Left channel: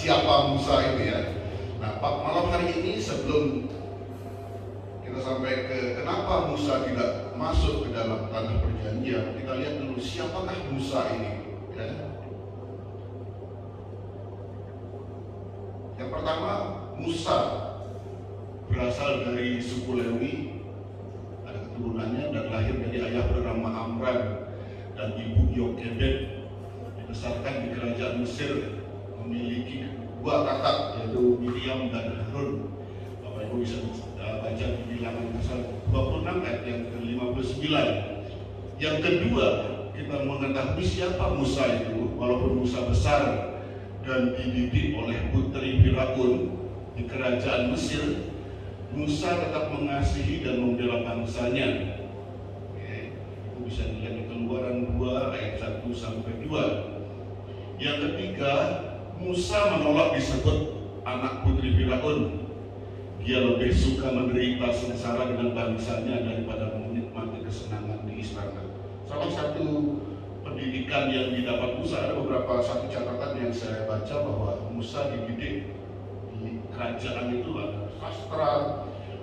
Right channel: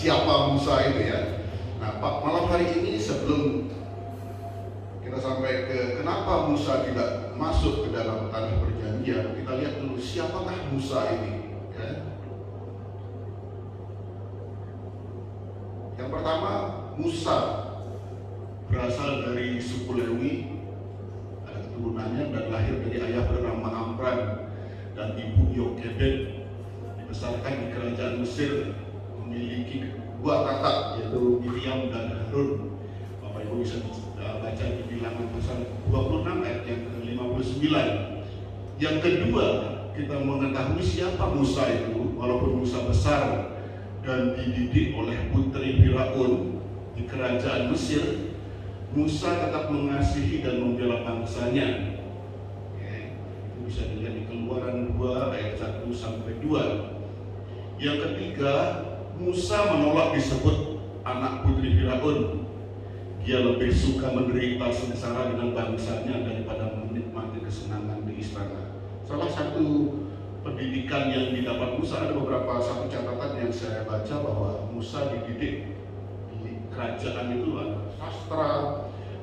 siapa Musa ini ya. Nah, malam hari ini sebelum kita sampai ke kenapa Musa tidak masuk ke dalam tanah perjanjian, kita lihat dulu siapakah Musa ini ya. Yang pertama, Musa berasal dari suku Lewi, ada keturunannya dan lahir dari ayah bernama Amram dan ibu Yokebed, dibesarkan di kerajaan Mesir, memiliki dua kakak yaitu Miriam dan Harun. Bapak Ibu bisa baca di Bilangan pasal 26 ayat yang ke-59. Yang kedua, kita mengetahui siapa Musa itu. Walaupun Musa besar dan dididik oleh putri Firaun di kerajaan Mesir, Musa tetap mengasihi dan membela bangsanya. Itu bisa dilihat di Keluaran 2 ayat 1 sampai 2. Yang ketiga, Musa menolak disebut anak putri Firaun. Dia lebih suka menderita sengsara dengan bangsanya daripada menikmati kesenangan di istana. Salah satu pendidikan yang didapat Musa, ada beberapa satu catatan yang saya baca bahwa Musa dididik di kerajaan itu ada sastra,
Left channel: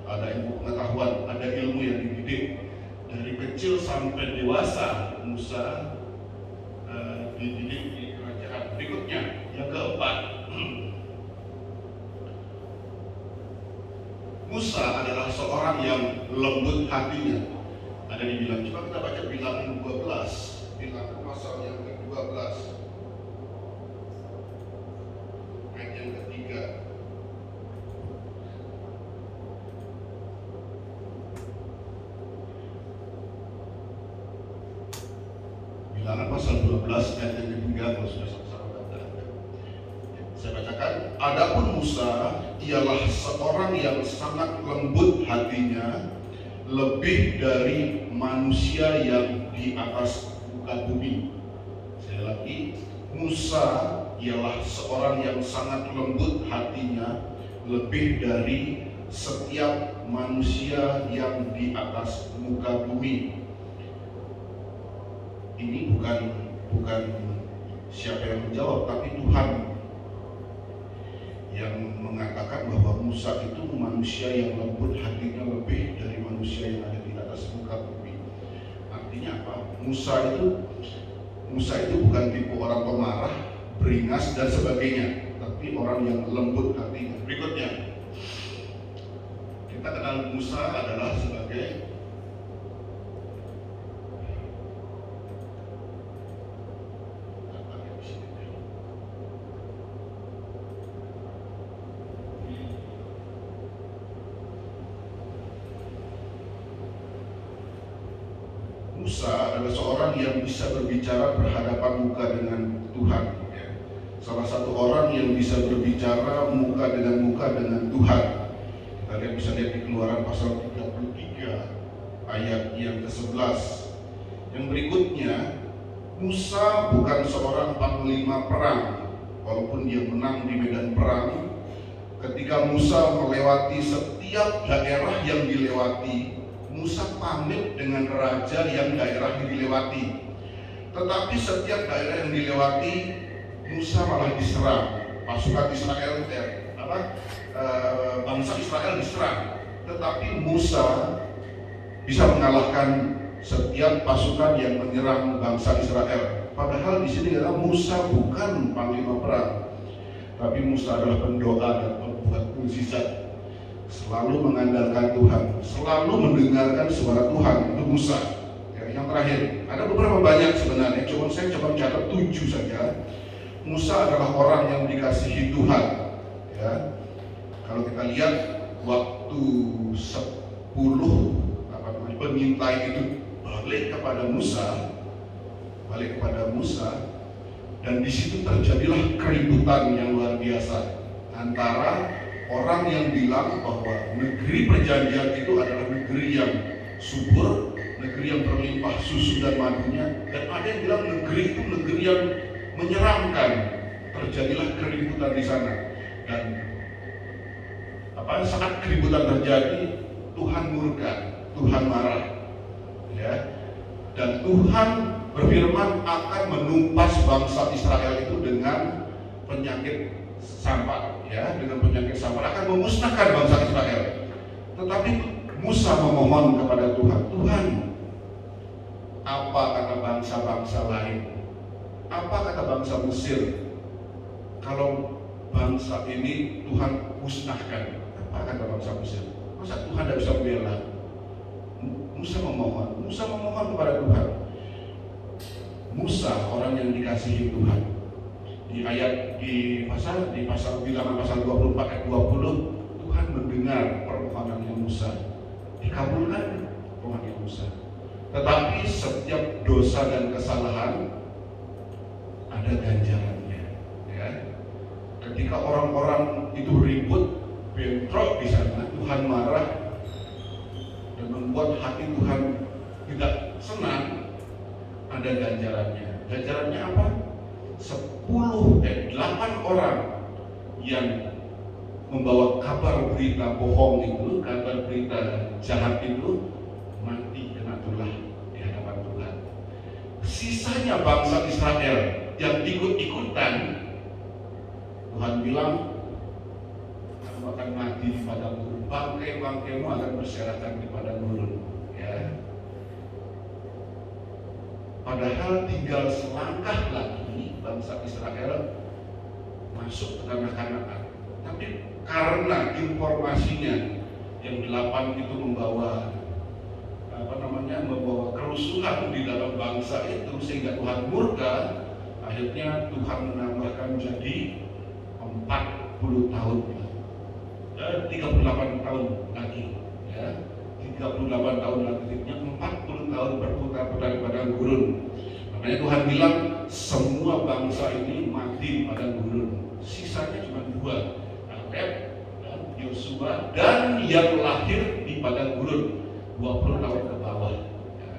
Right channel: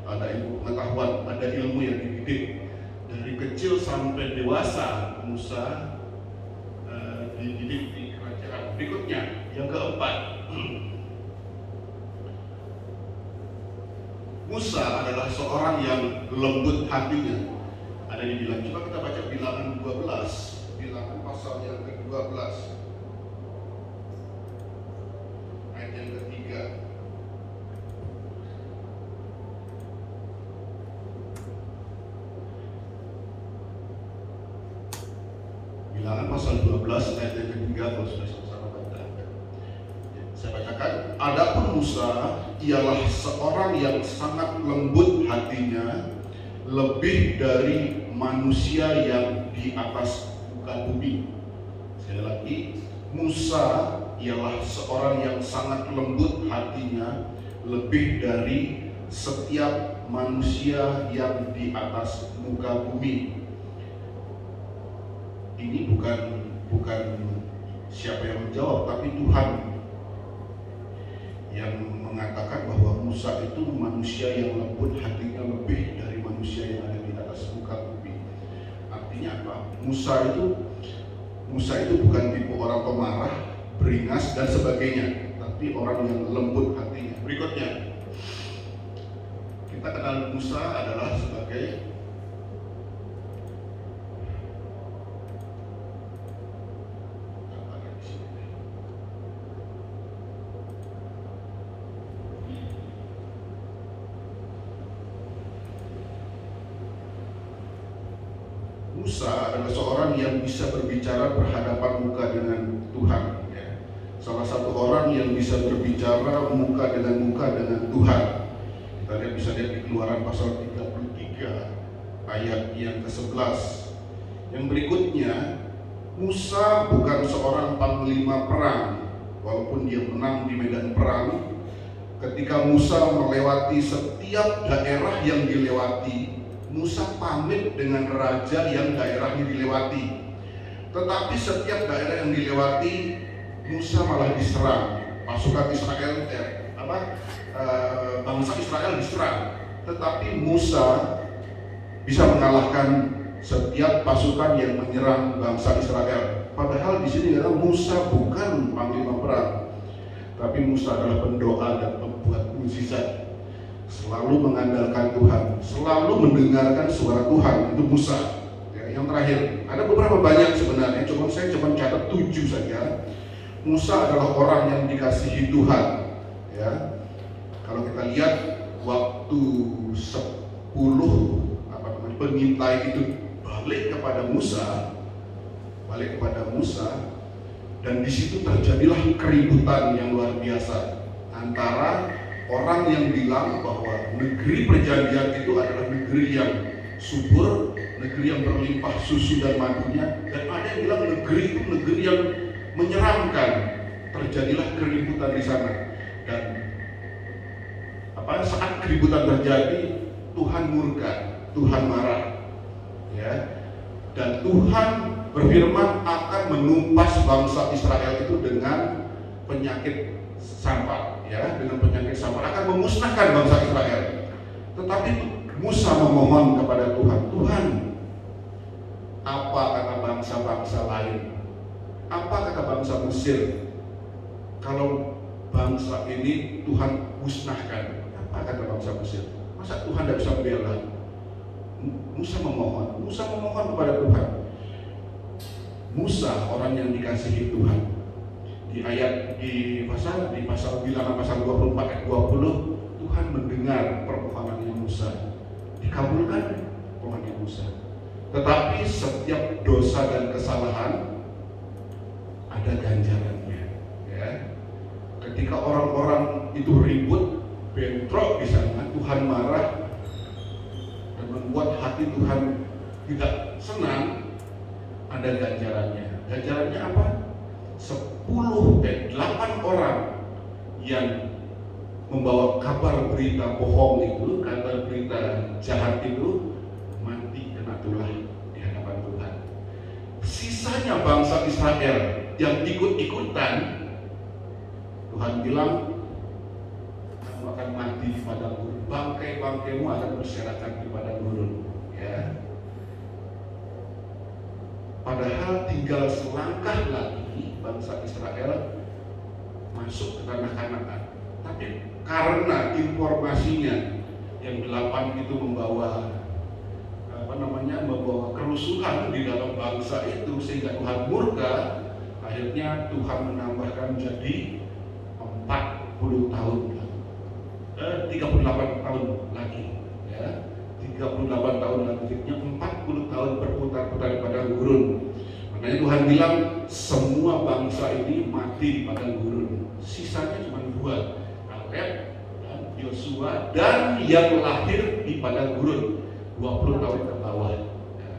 ada ilmu pengetahuan, ada ilmu yang dididik dari kecil sampai dewasa. Musa dididik di kerajaan. Berikutnya, yang keempat, Musa adalah seorang yang lembut hatinya. Ada yang bilang, coba kita baca Bilangan 12, Bilangan pasal yang ke-12 ayat yang ketiga. Bilangan pasal 12 ayat yang ketiga, kalau sudah sama-sama baca. Saya bacakan, adapun Musa ialah seorang yang sangat lembut hatinya, lebih dari manusia yang di atas muka bumi. Sekali lagi, Musa ialah seorang yang sangat lembut hatinya, lebih dari setiap manusia yang di atas muka bumi. Ini bukan siapa yang menjawab, tapi Tuhan yang mengatakan bahwa Musa itu manusia yang lembut hatinya lebih dari manusia yang ada di atas muka bumi. Artinya apa? Musa itu bukan tipe orang pemarah, beringas dan sebagainya, tapi orang yang lembut hatinya. Berikutnya, kita kenal Musa adalah sebagai Musa adalah seorang yang bisa berbicara berhadapan muka dengan Tuhan. Salah satu orang yang bisa berbicara muka dengan Tuhan. Kita bisa lihat di Keluaran pasal 33 ayat yang ke-11. Yang berikutnya, Musa bukan seorang panglima perang, walaupun dia menang di medan perang. Ketika Musa melewati setiap daerah yang dilewati, Musa pamit dengan raja yang daerahnya dilewati. Tetapi setiap daerah yang dilewati, Musa malah diserang. Pasukan Israel, bangsa Israel diserang. Tetapi Musa bisa mengalahkan setiap pasukan yang menyerang bangsa Israel. Padahal di sini adalah Musa bukan panglima perang, tapi Musa adalah pendoa dan pembuat mukjizat. Selalu mengandalkan Tuhan, selalu mendengarkan suara Tuhan. Itu Musa. Yang terakhir, ada beberapa banyak sebenarnya, saya cuma catat 7 saja. Musa adalah orang yang dikasihi Tuhan. Ya, kalau kita lihat waktu 10 pengintai itu balik kepada Musa, dan di situ terjadilah keributan yang luar biasa antara orang yang bilang bahwa negeri perjanjian itu adalah negeri yang subur, negeri yang berlimpah susu dan madunya, dan ada yang bilang negeri itu negeri yang menyeramkan. Terjadilah keributan di sana, dan saat keributan terjadi, Tuhan murka, Tuhan marah, ya, dan Tuhan berfirman akan menumpas bangsa Israel itu dengan penyakit sampar, ya, dengan penyakit sampar akan memusnahkan bangsa Israel. Tetapi Musa memohon kepada Tuhan, Tuhan, apa kata bangsa-bangsa lain? Apa kata bangsa Mesir? Kalau bangsa ini Tuhan musnahkan, apa kata bangsa Mesir? Masa Tuhan tidak bisa membela? Musa memohon kepada Tuhan. Musa orang yang dikasihi Tuhan. Di pasal Bilangan pasal 24 ayat 20, Tuhan mendengar permohonannya Musa, dikabulkan permohonan Musa. Tetapi setiap dosa dan kesalahan ada ganjarannya, ya. Ketika orang-orang itu ribut, bentrok di sana, Tuhan marah dan membuat hati Tuhan tidak senang, ada ganjarannya. Ganjarannya apa? 8 orang yang membawa kabar berita bohong itu, kabar berita jahat itu, mati kena tulah di hadapan Tuhan. Sisanya bangsa Israel yang ikut-ikutan, Tuhan bilang, kamu akan mati di padang gurun, bangkai-bangkaimu akan berserakan di padang gurun, ya. Padahal tinggal selangkah lagi bangsa Israel masuk ke tanah Kanaan. Tapi karena informasinya yang 8 itu membawa kerusuhan di dalam bangsa itu, sehingga Tuhan murka, akhirnya Tuhan menambahkan jadi 40 tahun, 38 tahun lagi, ya, 38 tahun lagi, akhirnya 40 tahun berputar-putar di padang gurun. Makanya Tuhan bilang semua bangsa ini mati di padang gurun. Sisanya cuma 2, Kaleb dan Yosua, dan yang lahir di padang gurun 20 tahun ke bawah, ya.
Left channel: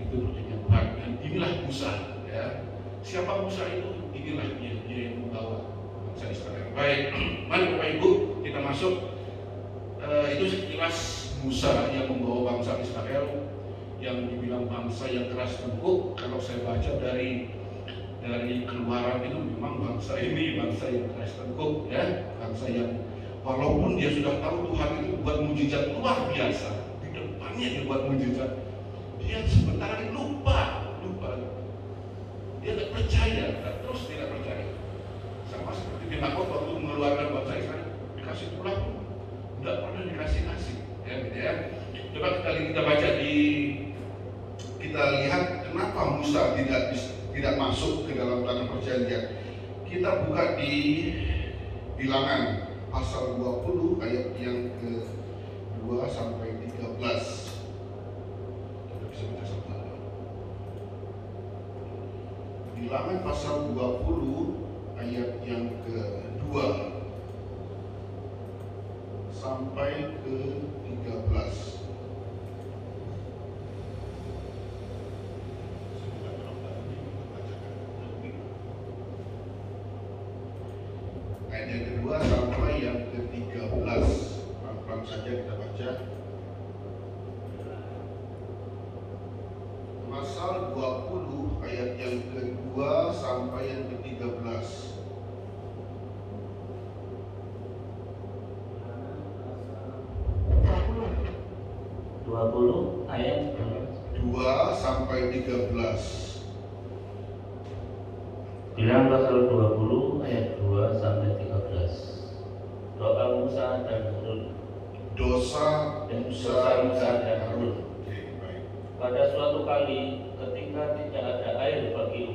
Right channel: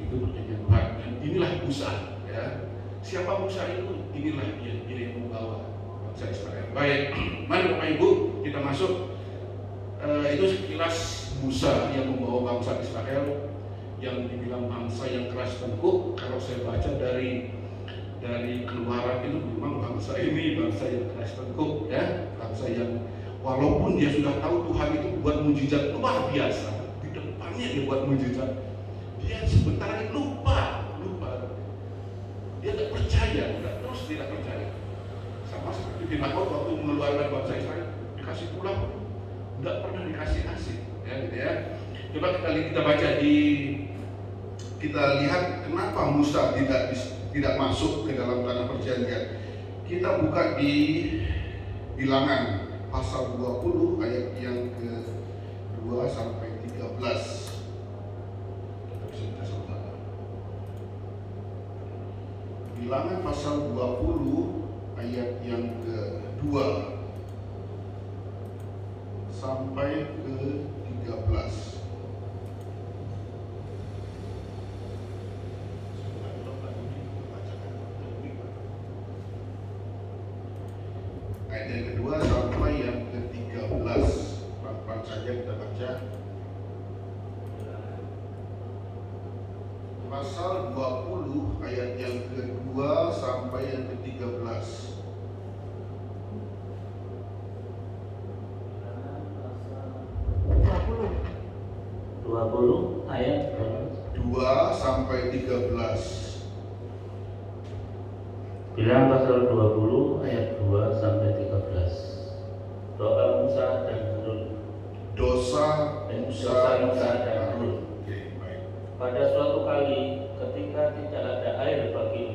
Itu penyebab. Dan inilah Musa, ya. Siapa Musa itu? Inilah dia yang membawa bangsa Israel. Baik, mari Bapak Ibu kita masuk. Itu sekilas Musa yang membawa bangsa Israel, yang dibilang bangsa yang keras tengkuk. Kalau saya baca dari Keluaran itu, memang bangsa ini bangsa yang keras tengkuk, ya, bangsa yang walaupun dia sudah tahu Tuhan itu buat mujizat luar biasa, di depannya dia buat mujizat, dia sebentar ini lupa, dia tidak percaya, terus tidak percaya. Sama seperti di Makot waktu mengeluarkan bangsa Israel, dikasih tulang, tidak pernah dikasih, ya, gitu ya. Coba kita baca kita lihat kenapa Musa tidak masuk ke dalam tanah perjanjian. Kita buka di Bilangan pasal 20 ayat yang ke-2 sampai 13. Kita bisa baca sama-sama. Bilangan pasal 20 ayat yang ke-2 sampai ke-13. Ayat yang kedua sampai yang ke-13. Pelan-pelan saja kita baca. Pasal 20 ayat yang kedua sampai yang ke-13. 20 ayat 2 sampai 13. Bilangan pasal 20 ayat 2 sampai 13. Doa Musa dan Harun. Dosa Musa dan Harun. Oke, baik. Pada suatu kali ketika tidak ada air bagi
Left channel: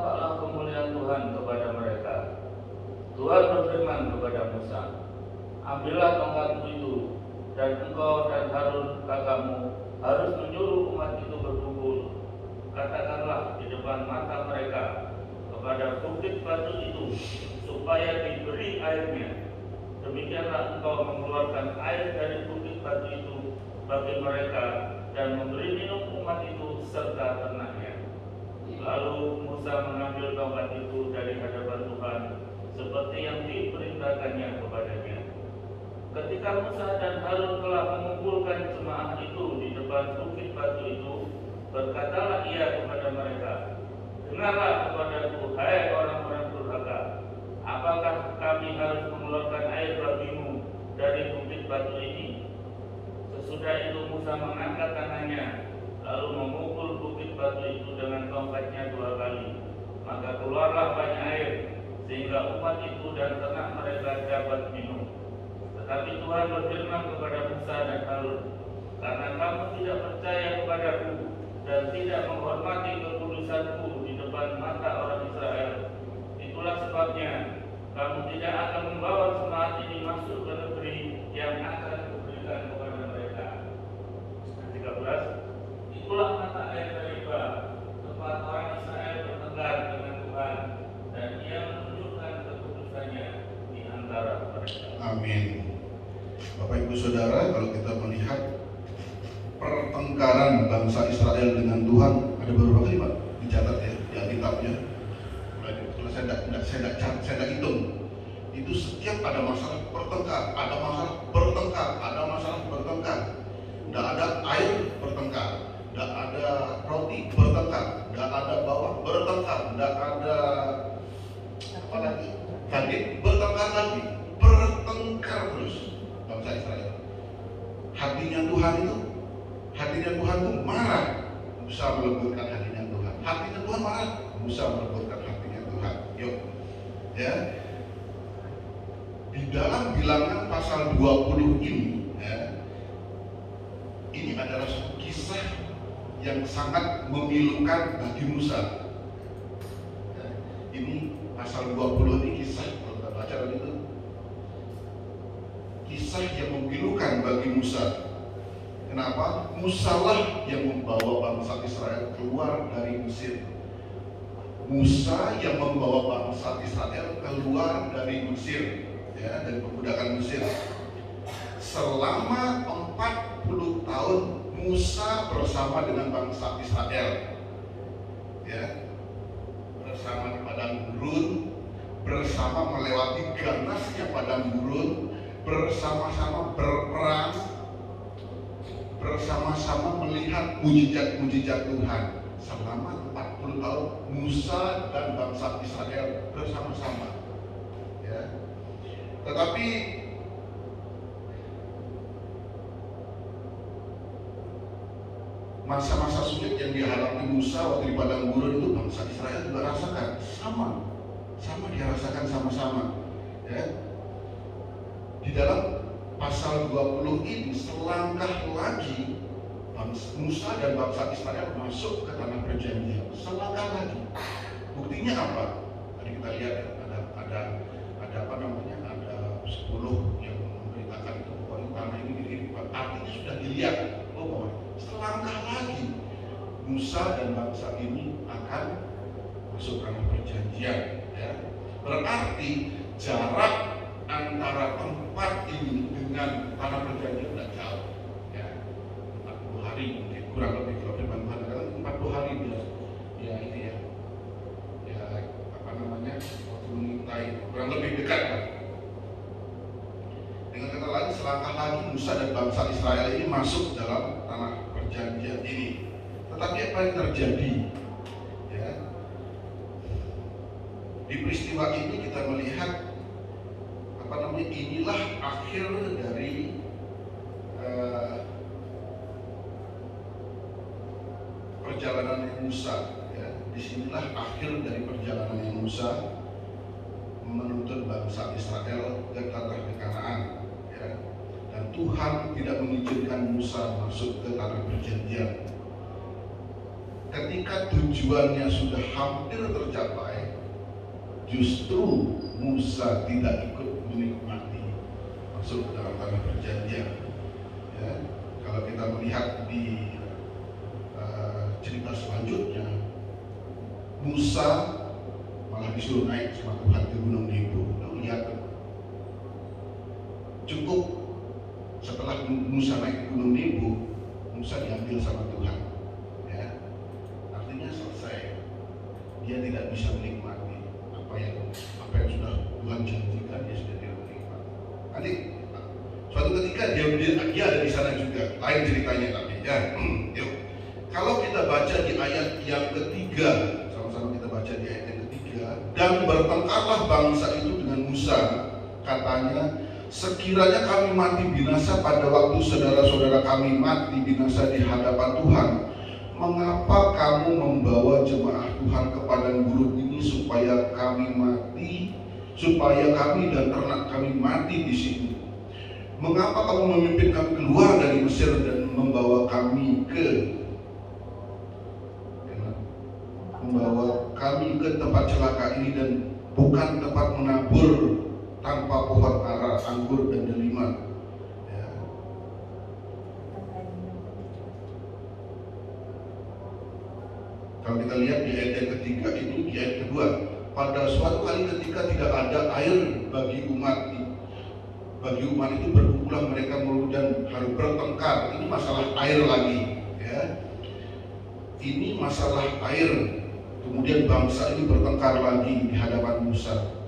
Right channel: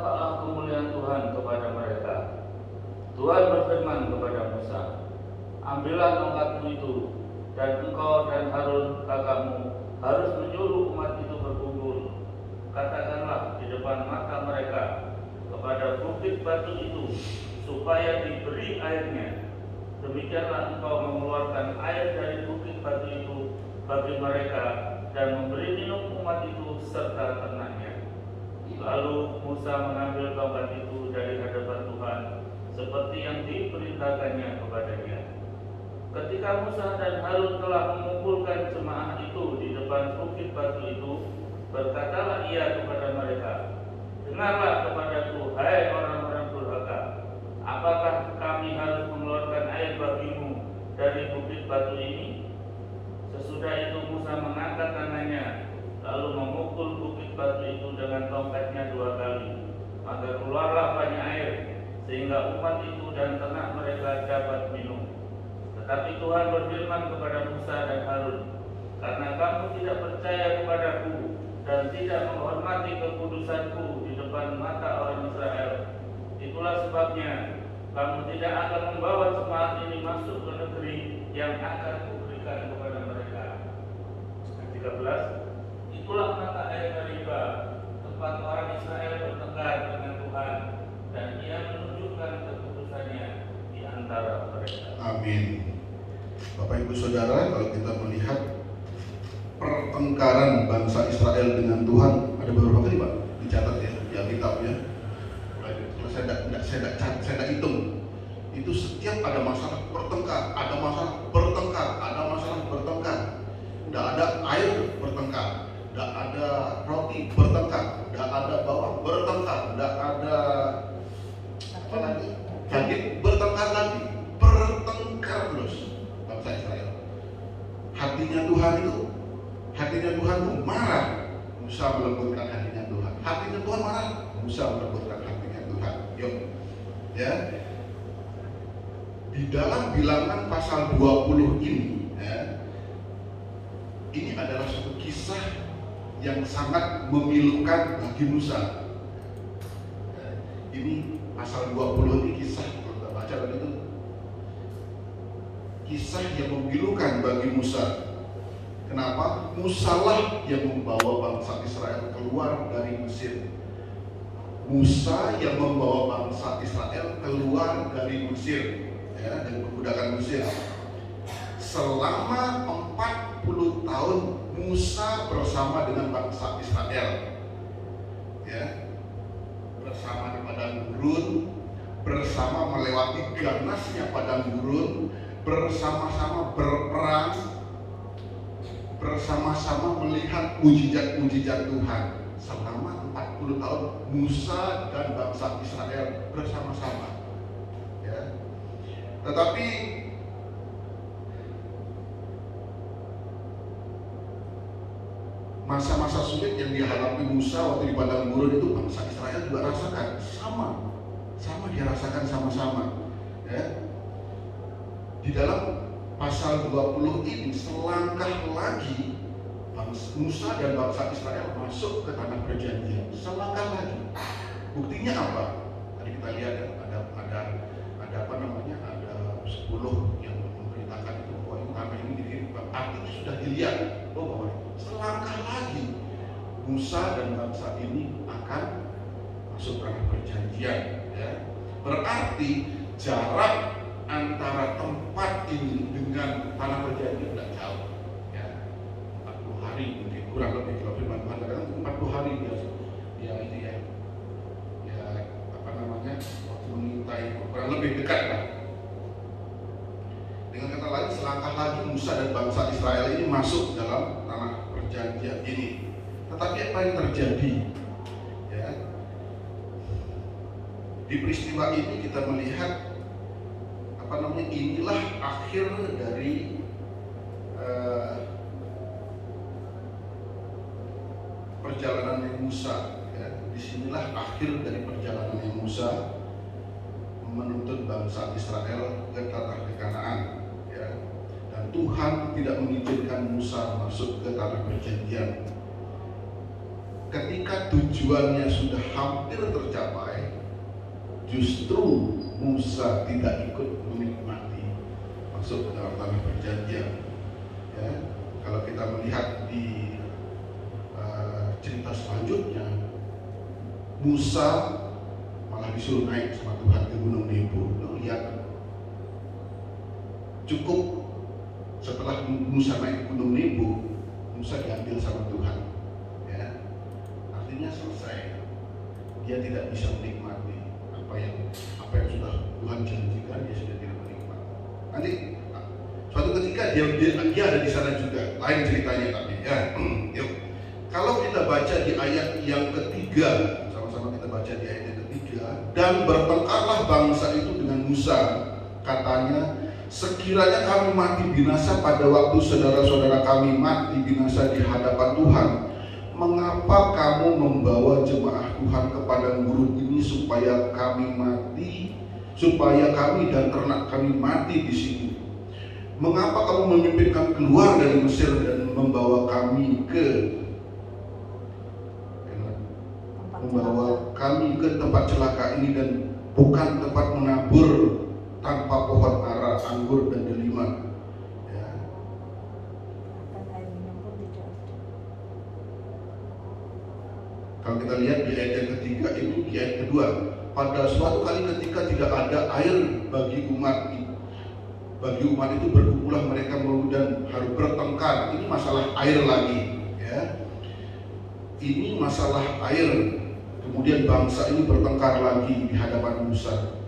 tampaklah kemuliaan Tuhan kepada mereka. Tuhan berfirman kepada Musa, ambillah tongkatmu itu, dan engkau dan Harun kakakmu harus menyuruh umat itu berkumpul. Katakanlah di depan mata mereka kepada bukit batu itu, supaya diberi airnya. Demikianlah engkau mengeluarkan air dari bukit batu itu bagi mereka, dan memberi minum umat itu serta ternaknya. Lalu Musa mengambil tongkat itu dari hadapan Tuhan, seperti yang diperintahkannya kepadanya. Ketika Musa dan Harun telah mengumpulkan jemaah itu di depan bukit batu itu, berkatalah ia kepada mereka, dengarlah kepadaku, hai orang-orang durhaka. Apakah kami harus mengeluarkan air bagimu dari bukit batu ini? Sesudah itu Musa mengangkat tangannya, lalu memukul bukit batu itu dengan tongkatnya 2 kali. Maka keluarlah banyak air, sehingga umat itu dan ternak mereka dapat minum. Tetapi Tuhan berfirman kepada Musa dan Harun, karena kamu tidak percaya kepadaku dan tidak menghormati kekudusanku di depan mata orang Israel, itulah sebabnya kamu tidak akan membawa jemaat ini masuk ke negeri yang akan kuberikan kepada mereka. 13. Itulah mata air Meribah, tempat orang Israel bertengkar dengan Tuhan, dan ia menunjukkan kekudusannya di antara mereka. Amin. Bapak Ibu Saudara, kalau kita melihat pertengkaran bangsa Israel dengan Tuhan, ada beberapa kali Pak dicatat ya di Alkitabnya. Kalau saya tidak hitung, itu setiap ada masalah bertengkar, ada masalah bertengkar, ada masalah bertengkar. Tidak ada air bertengkar, tidak ada roti bertengkar, tidak ada bawang bertengkar, tidak ada apa lagi, daging bertengkar lagi, bertengkar terus bangsa Israel. Hatinya Tuhan itu marah, Musa melembutkan hatinya Tuhan. Hatinya Tuhan marah, Musa melembutkan hatinya Tuhan. Yuk, ya. Di dalam Bilangan pasal 20 ini, ya, ini adalah suatu kisah yang sangat memilukan bagi Musa. Ya, ini pasal 20 ini kisah, kalau kita baca dan itu kisah yang memilukan bagi Musa. Kenapa? Musalah yang membawa bangsa Israel keluar dari Mesir. Musa yang membawa bangsa Israel keluar dari Mesir, ya, dari perbudakan Mesir. Selama 40 tahun Musa bersama dengan bangsa Israel, ya, bersama di padang gurun, bersama melewati ganasnya padang gurun, bersama-sama berperang, bersama-sama melihat mujizat-mujizat Tuhan. Selama 40 tahun Musa dan bangsa Israel bersama-sama, ya. Tetapi masa-masa sulit yang dialami Musa waktu di padang gurun itu bangsa Israel juga rasakan, sama dia rasakan sama-sama, ya. Di dalam pasal 20 ini selangkah lagi Musa dan bangsa Israel masuk ke tanah perjanjian. Selangkah lagi. Buktinya apa? Tadi kita lihat ada apa namanya? Ada 10 yang memberitakan itu bahwa ini tanah ini. Artinya sudah dilihat bahwa selangkah lagi Musa dan bangsa ini akan masuk tanah perjanjian, ya. Berarti jarak antara tempat ini dengan tanah perjanjian tidak jauh, ya. 40 hari mungkin, kurang lebih. Kalau firman Tuhan katakan 40 hari dia ini ya apa namanya, waktu mengintai, kurang lebih dekat lah. Dengan kata lain, selangkah lagi Musa dan bangsa Israel ini masuk dalam tanah perjanjian ini. Tetapi apa yang terjadi, ya, di peristiwa ini kita melihat inilah akhir dari perjalanan Musa, ya. Disinilah akhir dari perjalanan Musa menuntun bangsa Israel ke tanah Kanaan, ya. Dan Tuhan tidak mengizinkan Musa masuk ke tanah perjanjian. ketika tujuannya sudah hampir tercapai, justru Musa tidak ikut menikmati maksud dalam tanah perjanjian. Ya, kalau kita melihat di cerita selanjutnya, Musa malah disuruh naik sama Tuhan ke Gunung Nebo. Nah, lihat, cukup setelah Musa naik ke Gunung Nebo, Musa diambil sama Tuhan. Ya, artinya selesai. Dia tidak bisa menikmati apa yang sudah Tuhan janjikan, dia sudah tidak menikmati. Nanti suatu ketika dia ada di sana juga, lain ceritanya tapi ya. Yuk, kalau kita baca di ayat yang ketiga, sama-sama kita baca di ayat yang ketiga, dan bertengkarlah bangsa itu dengan Musa, katanya, sekiranya kami mati binasa pada waktu saudara-saudara kami mati binasa di hadapan Tuhan, mengapa kamu membawa jemaah Tuhan ke padang gurun ini supaya kami mati, supaya kami dan ternak kami mati di sini? Mengapa kamu memimpin kami keluar dari Mesir dan membawa kami ke tempat celaka ini dan bukan tempat menabur tanpa pohon ara, anggur dan delima? Ya. Kalau kita lihat di ayat yang ketiga ini, di ayat kedua, pada suatu kali ketika tidak ada air bagi umat itu berkumpulan mereka dan harus bertengkar. Ini masalah air lagi, ya. Ini masalah air. Kemudian bangsa ini bertengkar lagi di hadapan Musa.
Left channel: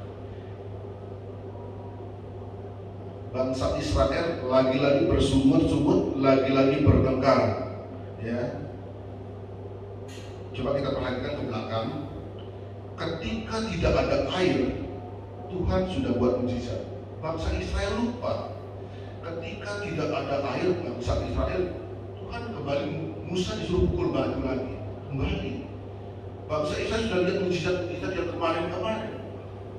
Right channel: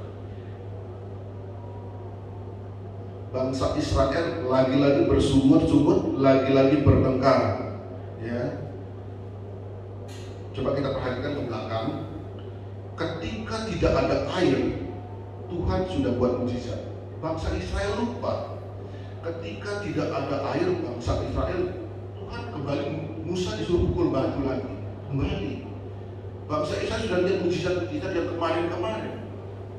Bangsa Israel lagi-lagi bersungut-sungut, lagi-lagi bertengkar, ya. Coba kita perhatikan ke belakang. Ketika tidak ada air, Tuhan sudah buat mujizat. Bangsa Israel lupa. Ketika tidak ada air, bangsa Israel, Tuhan kembali, Musa disuruh pukul batu lagi, kembali. Bangsa Israel sudah lihat mujizat-mujizat yang kemarin-kemarin.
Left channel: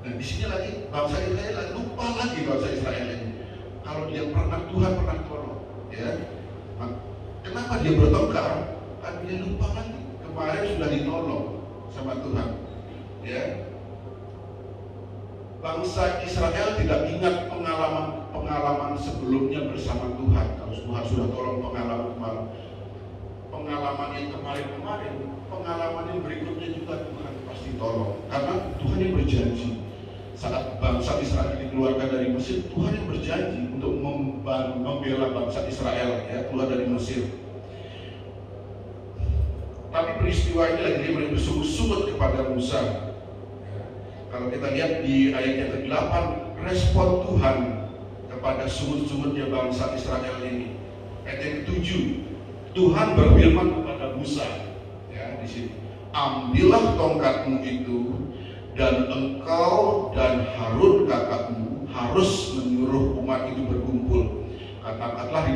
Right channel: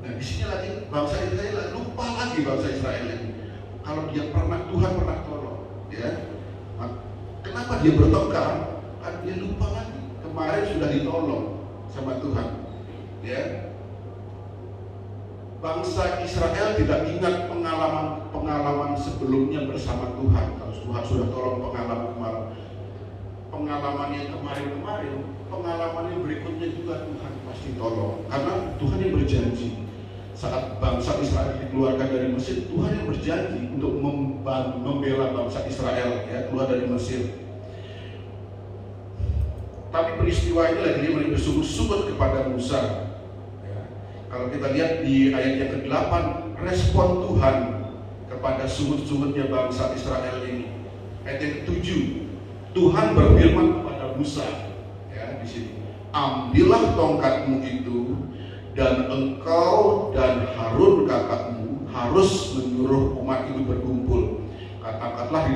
Nah, di sini lagi bangsa Israel lupa lagi bangsa Israel ini. Kalau dia Tuhan pernah tolong, ya. Kenapa dia bertengkar? Karena dia lupa lagi. Kemarin sudah ditolong sama Tuhan, ya. Bangsa Israel tidak ingat pengalaman sebelumnya bersama Tuhan. Kalau Tuhan sudah tolong pengalaman yang kemarin-kemarin, pengalaman yang berikutnya juga Tuhan pasti tolong. Karena Tuhan yang berjanji. Saat bangsa Israel dikeluarkan dari Mesir, Tuhan yang berjanji untuk membela bangsa Israel, ya, keluar dari Mesir. Tapi peristiwa ini lagi mulai bersungut-sungut kepada Musa. Kalau kita lihat di ayat yang ke-8, respon Tuhan kepada sungut-sungutnya bangsa Israel ini. Ayat yang ke-7, Tuhan berfirman kepada Musa, ya, di sini, ambillah tongkatmu itu dan engkau dan Harun kakakmu harus menyuruh umat itu berkumpul. Katakanlah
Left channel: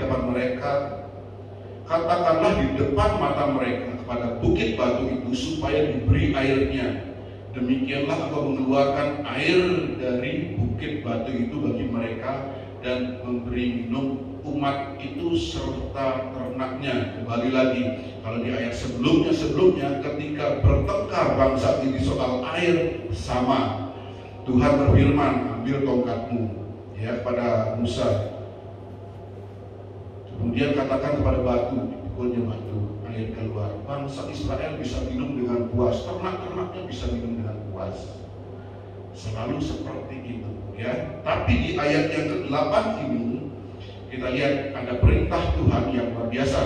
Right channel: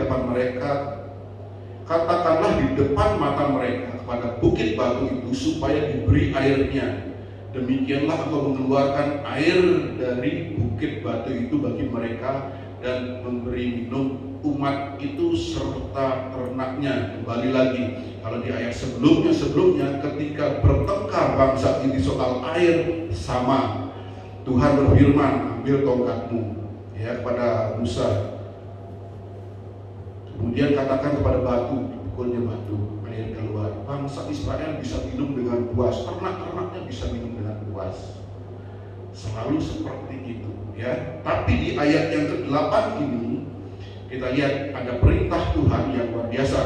di depan mata mereka kepada bukit batu itu supaya diberi airnya. Demikianlah engkau mengeluarkan air dari bukit batu itu bagi mereka dan memberi minum umat itu serta ternaknya. Kembali lagi, kalau di ayat sebelumnya ketika bertengkar bangsa ini soal air, sama Tuhan berfirman, ambil tongkatmu, ya, kepada Musa. Kemudian katakan kepada batu, pukulnya batu, air keluar. Bangsa Israel bisa minum dengan puas, ternak-ternaknya bisa minum dengan puas. Selalu seperti itu, ya. Tapi di ayat yang ke-8 ini kita lihat ada perintah Tuhan yang luar biasa.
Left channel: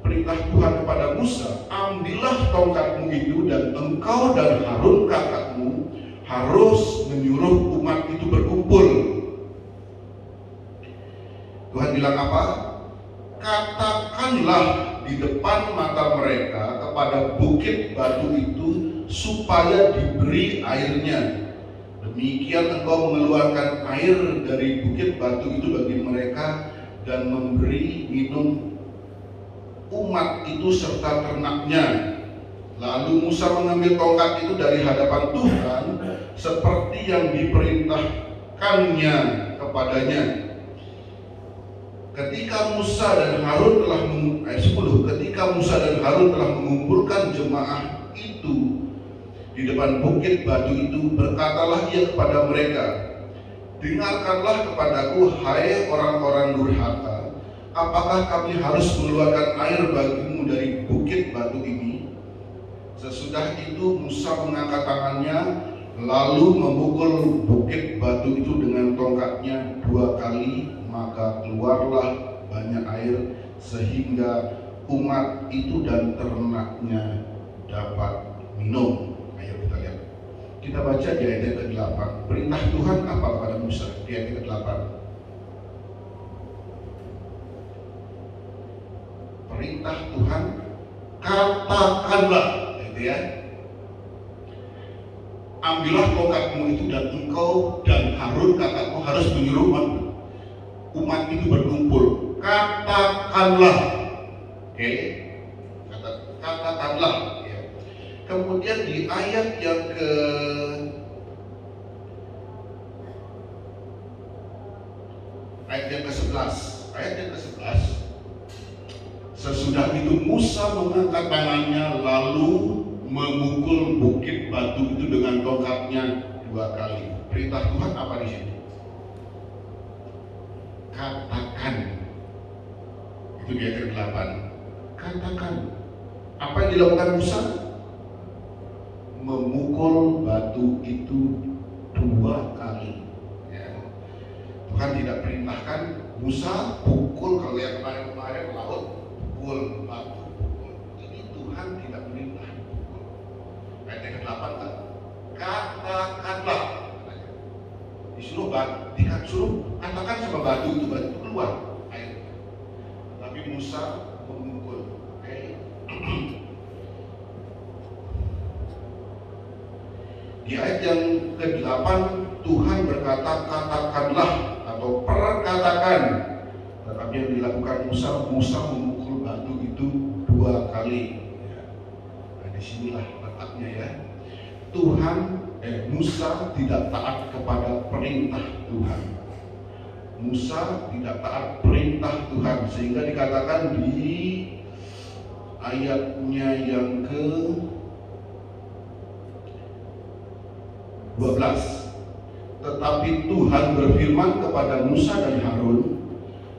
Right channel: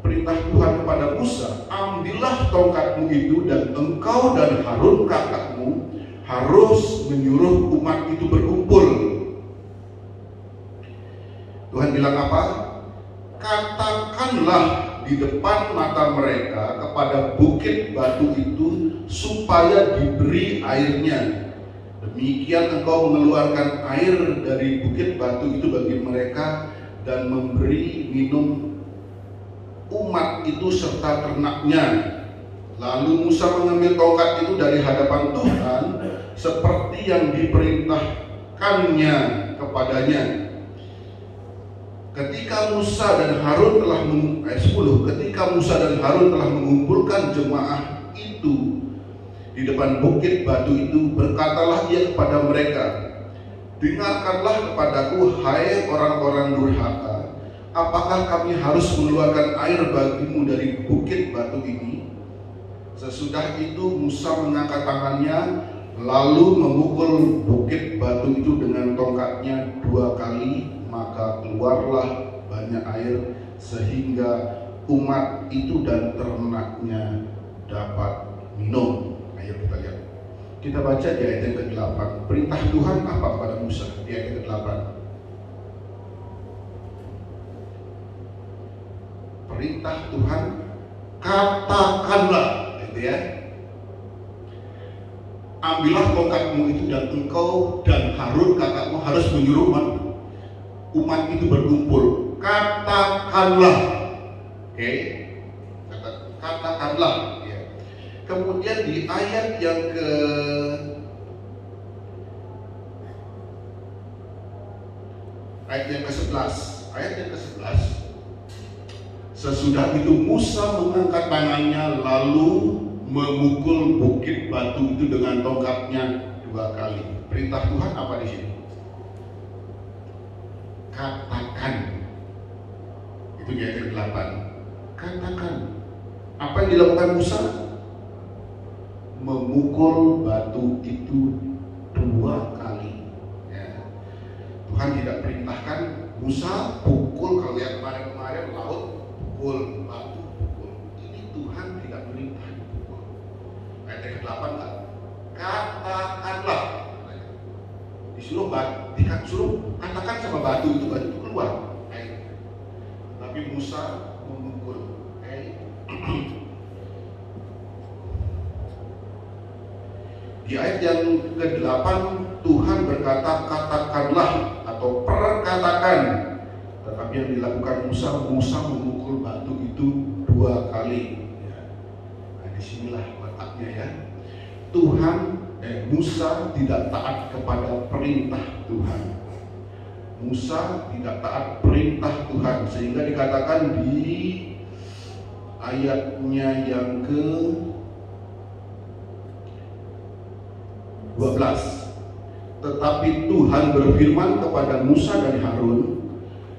Perintah Tuhan kepada Musa, ambillah tongkatmu itu dan engkau dan Harun kakakmu harus menyuruh umat itu berkumpul. Tuhan bilang apa? Katakanlah di depan mata mereka kepada bukit batu itu supaya diberi airnya. Demikian engkau mengeluarkan air dari bukit batu itu bagi mereka dan memberi minum umat itu serta ternaknya. Lalu Musa mengambil tongkat itu dari hadapan Tuhan seperti yang diperintahkannya kepadanya. ketika Musa dan Harun telah ayat 10, ketika Musa dan Harun telah mengumpulkan jemaah itu di depan bukit batu itu, berkatalah ia kepada mereka, dengarkanlah kepadaku, hai orang-orang durhaka, apakah kami harus mengeluarkan air bagimu dari bukit batu ini? Sesudah itu Musa mengangkat tangannya, lalu memukul bukit batu itu dengan tongkatnya 2 kali, maka keluarlah banyak air sehingga umat itu dan ternaknya dapat minum. Ayo kita lihat. Kita baca di ayat yang ke-8. Perintah Tuhan apa kepada Musa di ayat yang ke-8? Perintah Tuhan, katakanlah, gitu ya. Ambillah tongkatmu itu dan engkau dan Harun kakakmu harus menyuruh umat itu berkumpul. Katakanlah, oke? Katakanlah. Ya. Kemudian di ayat yang ke-11, sesudah itu Musa mengangkat tangannya lalu memukul bukit batu itu dengan tongkatnya 2 kali. Perintah Tuhan apa di sini? Katakan. Itu di ayat ke-8. Katakan. Apa yang dilakukan Musa? Memukul batu itu 2 kali. Ya. Tuhan tidak perintahkan Musa pukul, kalau yang kemarin laut pukul batu, pukul. Ini Tuhan tidak perintah pukul. Ayat yang ke-8 kan? Katakanlah. Disuruh katakan sama batu itu keluar. Tapi Musa memukul. Di ayat yang ke-8 Tuhan berkata katakanlah atau perkatakan. Tetapi yang dilakukan Musa memukul batu itu 2 kali. Nah, disinilah letaknya ya. Musa tidak taat kepada perintah Tuhan. Musa tidak taat perintah Tuhan, sehingga dikatakan di ayatnya yang ke-12, tetapi Tuhan berfirman kepada Musa dan Harun,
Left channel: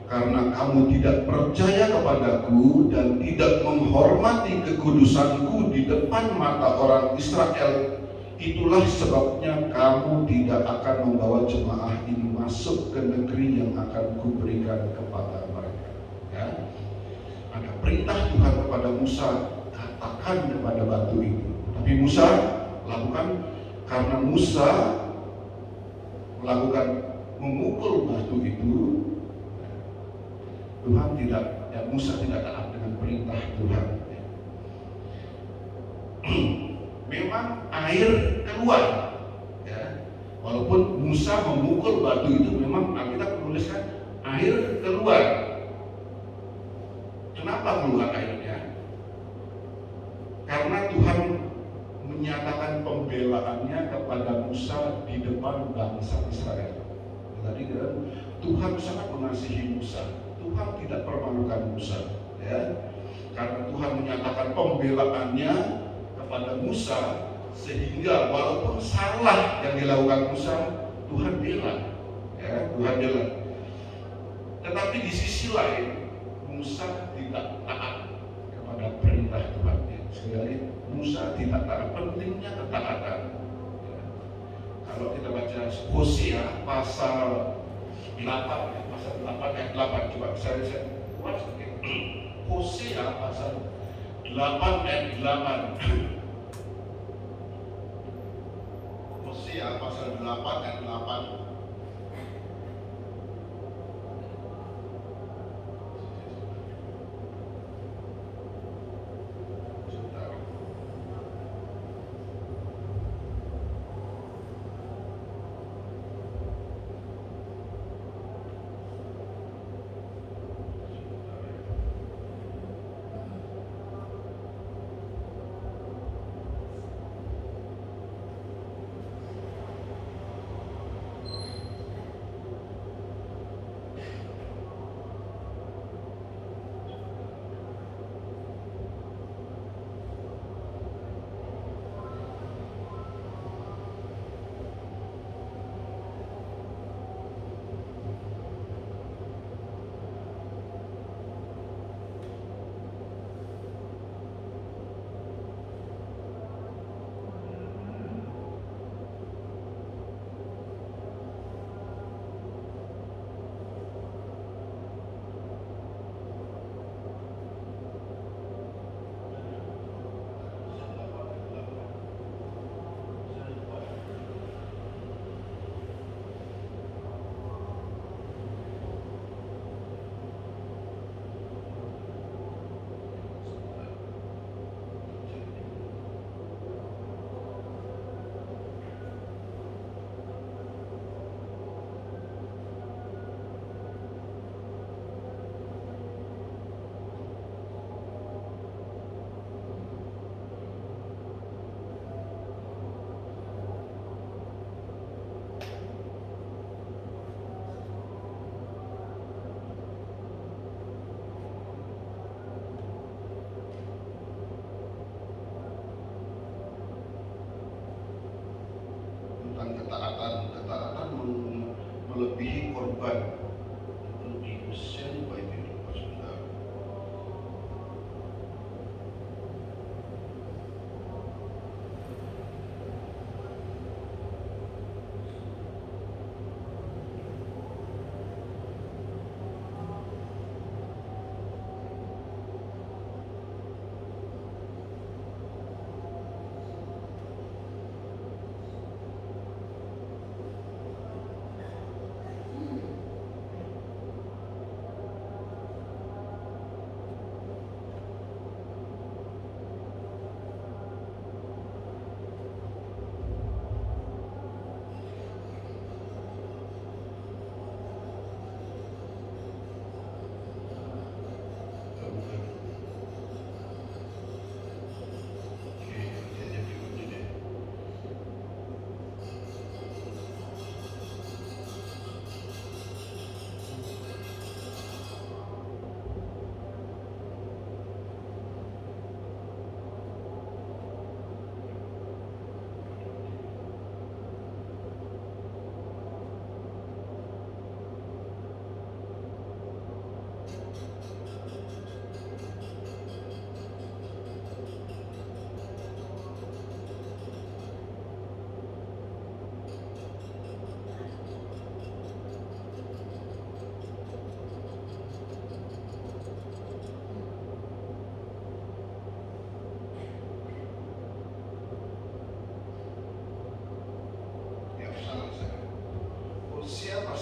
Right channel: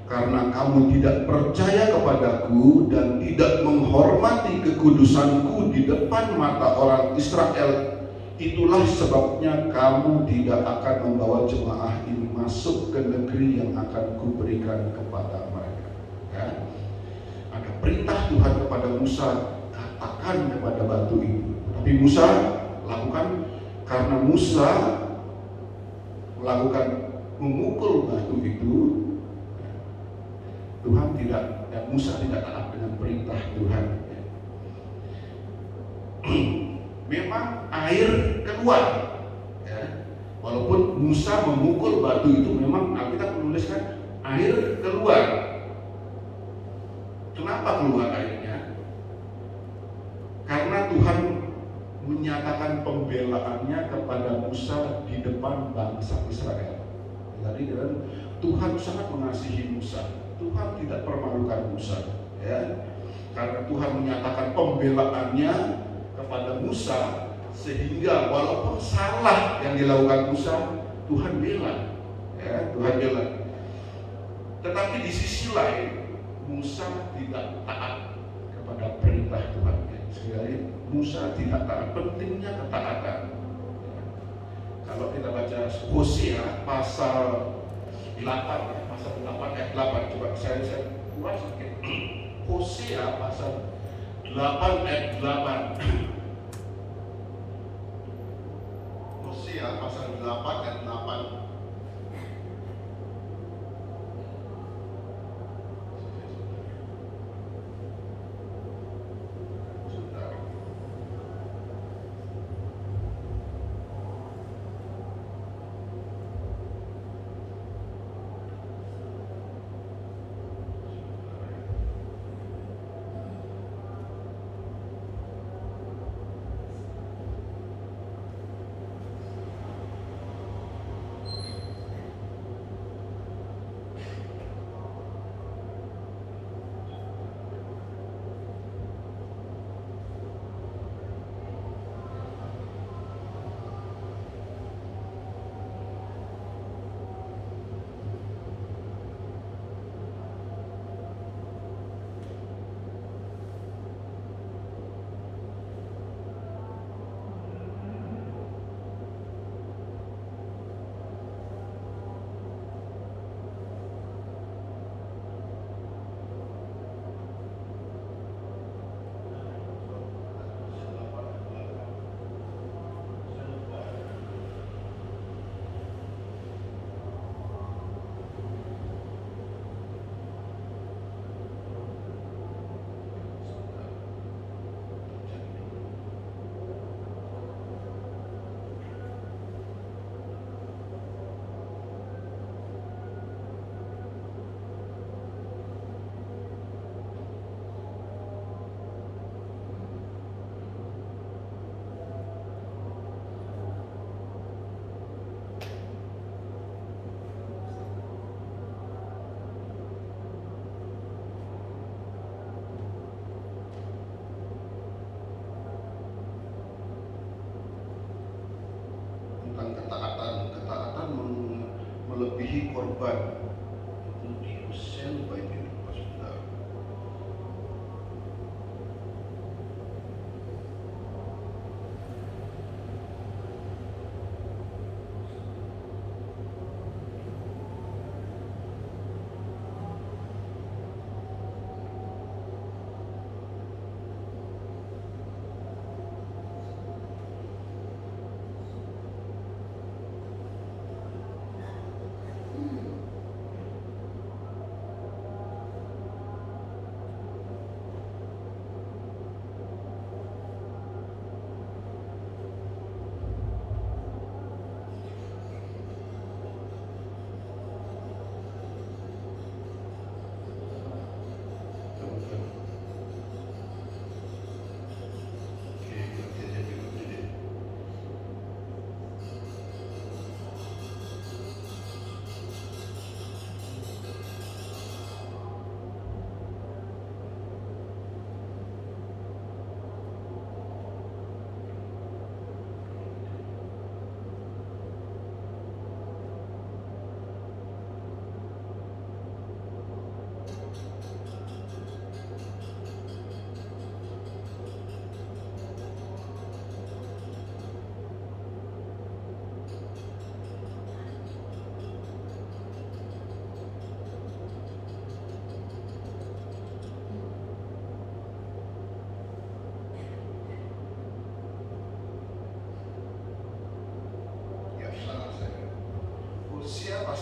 karena kamu tidak percaya kepadaku dan tidak menghormati kekudusanku di depan mata orang Israel, itulah sebabnya kamu tidak akan membawa jemaah ini masuk ke negeri yang akan kuberikan kepada mereka. Ya. Ada perintah Tuhan kepada Musa, katakan kepada batu itu. Tapi Musa lakukan, karena Musa melakukan memukul batu itu, Tuhan tidak, dan Musa tidak taat dengan perintah Tuhan. Memang air keluar, ya. Walaupun Musa memukul batu itu, memang Alkitab menuliskan air keluar. Kenapa keluar airnya? Karena Tuhan menyatakan pembelaannya kepada Musa di depan bangsa Israel. Jadi Tuhan sangat mengasihi Musa. Tuhan tidak permalukan Musa, ya. Karena Tuhan menyatakan pembelaannya kepada Musa, sehingga walaupun salah yang dilakukan Musa, Tuhan bela, ya, Tuhan bela. Tetapi di sisi lain, Musa tidak taat kepada perintah Tuhan. Sekali Musa tidak taat, pentingnya ketaatan. Ya. Kalau kita baca Hosea pasal 8, pasal 8 ayat 8, coba saya buat sedikit. Hosea pasal 8 ayat 8. Hosea pasal 8 ayat 8.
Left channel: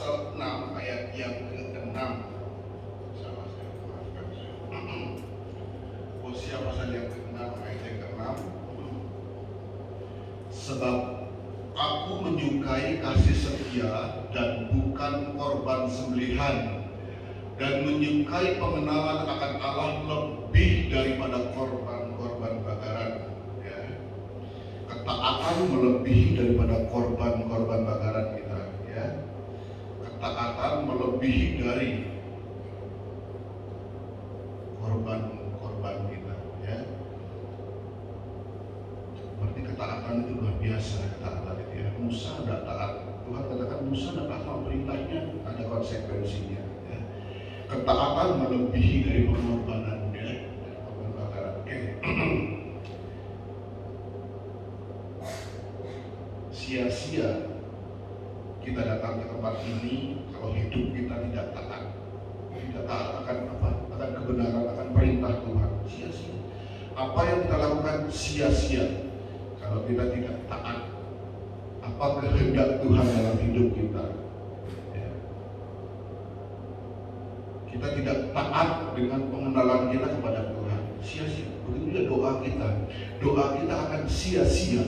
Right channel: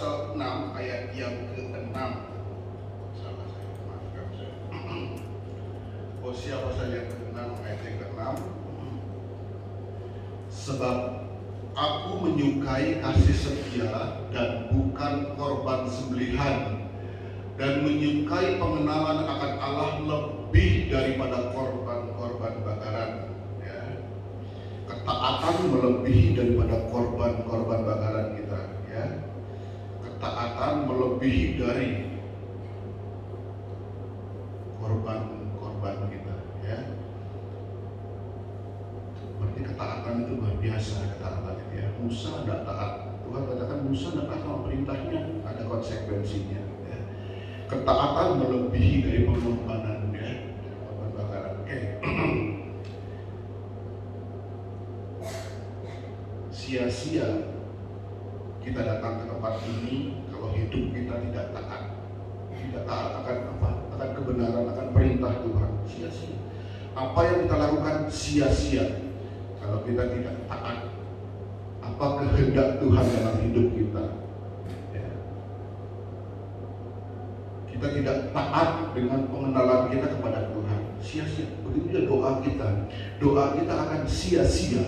pasal 6 ayat yang ke-6. Salah saya, maafkan saya. Hosea pasal yang ke-6 ayat yang ke-6. Sebab aku menyukai kasih setia dan bukan korban sembelihan, dan menyukai pengenalan akan Allah lebih daripada korban-korban bakaran. Ya. Ketaatan melebihi daripada korban-korban bakaran kita. Ya. Ketaatan melebihi dari korban-korban kita. Ya. Berarti ketaatan itu luar biasa. Ketaatan itu ya. Musa tidak taat. Tuhan katakan Musa tidak taat sama perintahnya, ada konsekuensinya. Ya. Ketaatan melebihi dari pengorbanan, ya. Korban bakaran. Oke. Sia-sia kita datang ke tempat ini kalau hidup kita tidak taat akan apa? Akan kebenaran, akan perintah Tuhan. Sia-sia. Apa yang kita lakukan sia-sia kalau kita tidak taat apa kehendak Tuhan dalam hidup kita. Ya. Kita tidak taat dengan pengenalan kita kepada Tuhan, sia-sia. Begitu juga doa kita akan sia-sia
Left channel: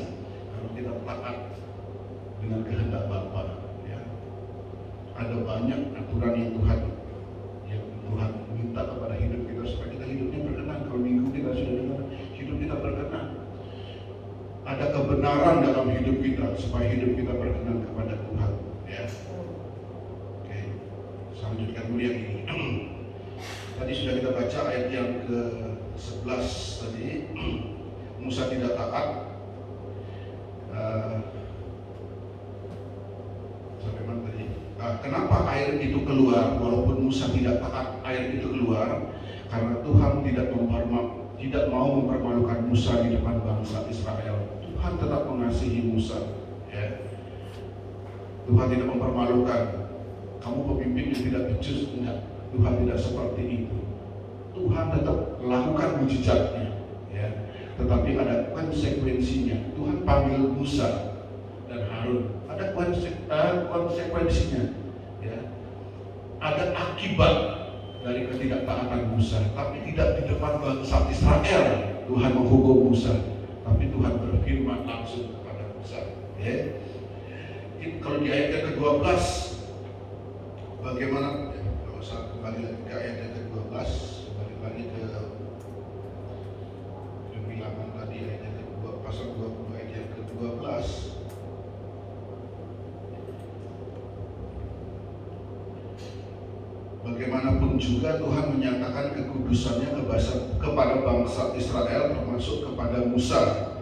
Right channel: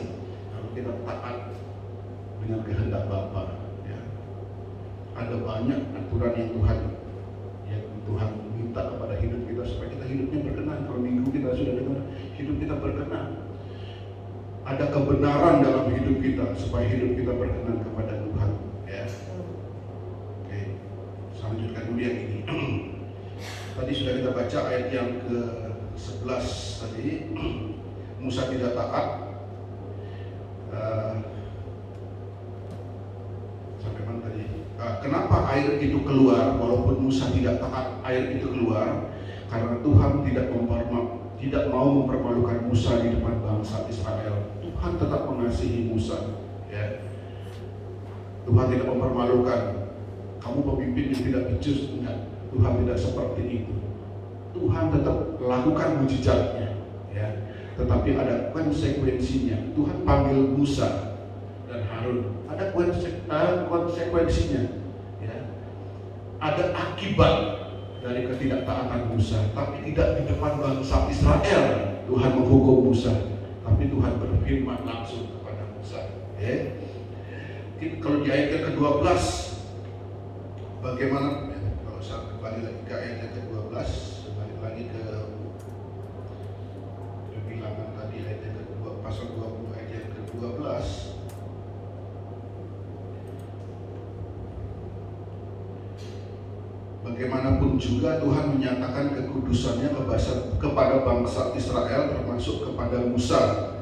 kalau kita taat dengan kehendak Bapa. Ya. Ada banyak aturan yang Tuhan minta kepada hidup kita supaya kita hidupnya berkenan. Kalau minggu kita sudah dengar, hidup kita berkenan. Ada kebenaran dalam hidup kita supaya hidup kita berkenan kepada Tuhan. Ya. Oke. Selanjutnya dulu yang ini. Tadi sudah kita baca ayat yang ke-11 tadi. Musa tidak taat. Sampai mana tadi? Kenapa air itu keluar walaupun Musa tidak taat? Air itu keluar karena Tuhan tidak mau mempermalukan Musa di depan bangsa Israel. Tuhan tetap mengasihi Musa. Ya. Tuhan tidak mempermalukan. Kamu pemimpin yang tidak becus, enggak. Tuhan tidak seperti itu. Tuhan tetap lakukan mujizatnya. Ya. Tetapi ada konsekuensinya. Tuhan panggil Musa dan Harun. Ada konsekuensinya. Ya. Ada akibat dari ketidaktaatan Musa, tapi tidak di depan bangsa Israel. Tuhan menghukum Musa, tapi Tuhan berfirman langsung kepada Musa. Ya. Kalau di ayat yang ke-12, bagaimana? Kalau saya kembali lagi ke ayat yang ke-12, kembali lagi ke lebih lama tadi ayat yang ke-12, pasal 20 ayat yang ke-12. Bagaimanapun juga Tuhan menyatakan kekudusannya kepada bangsa Israel, termasuk kepada Musa.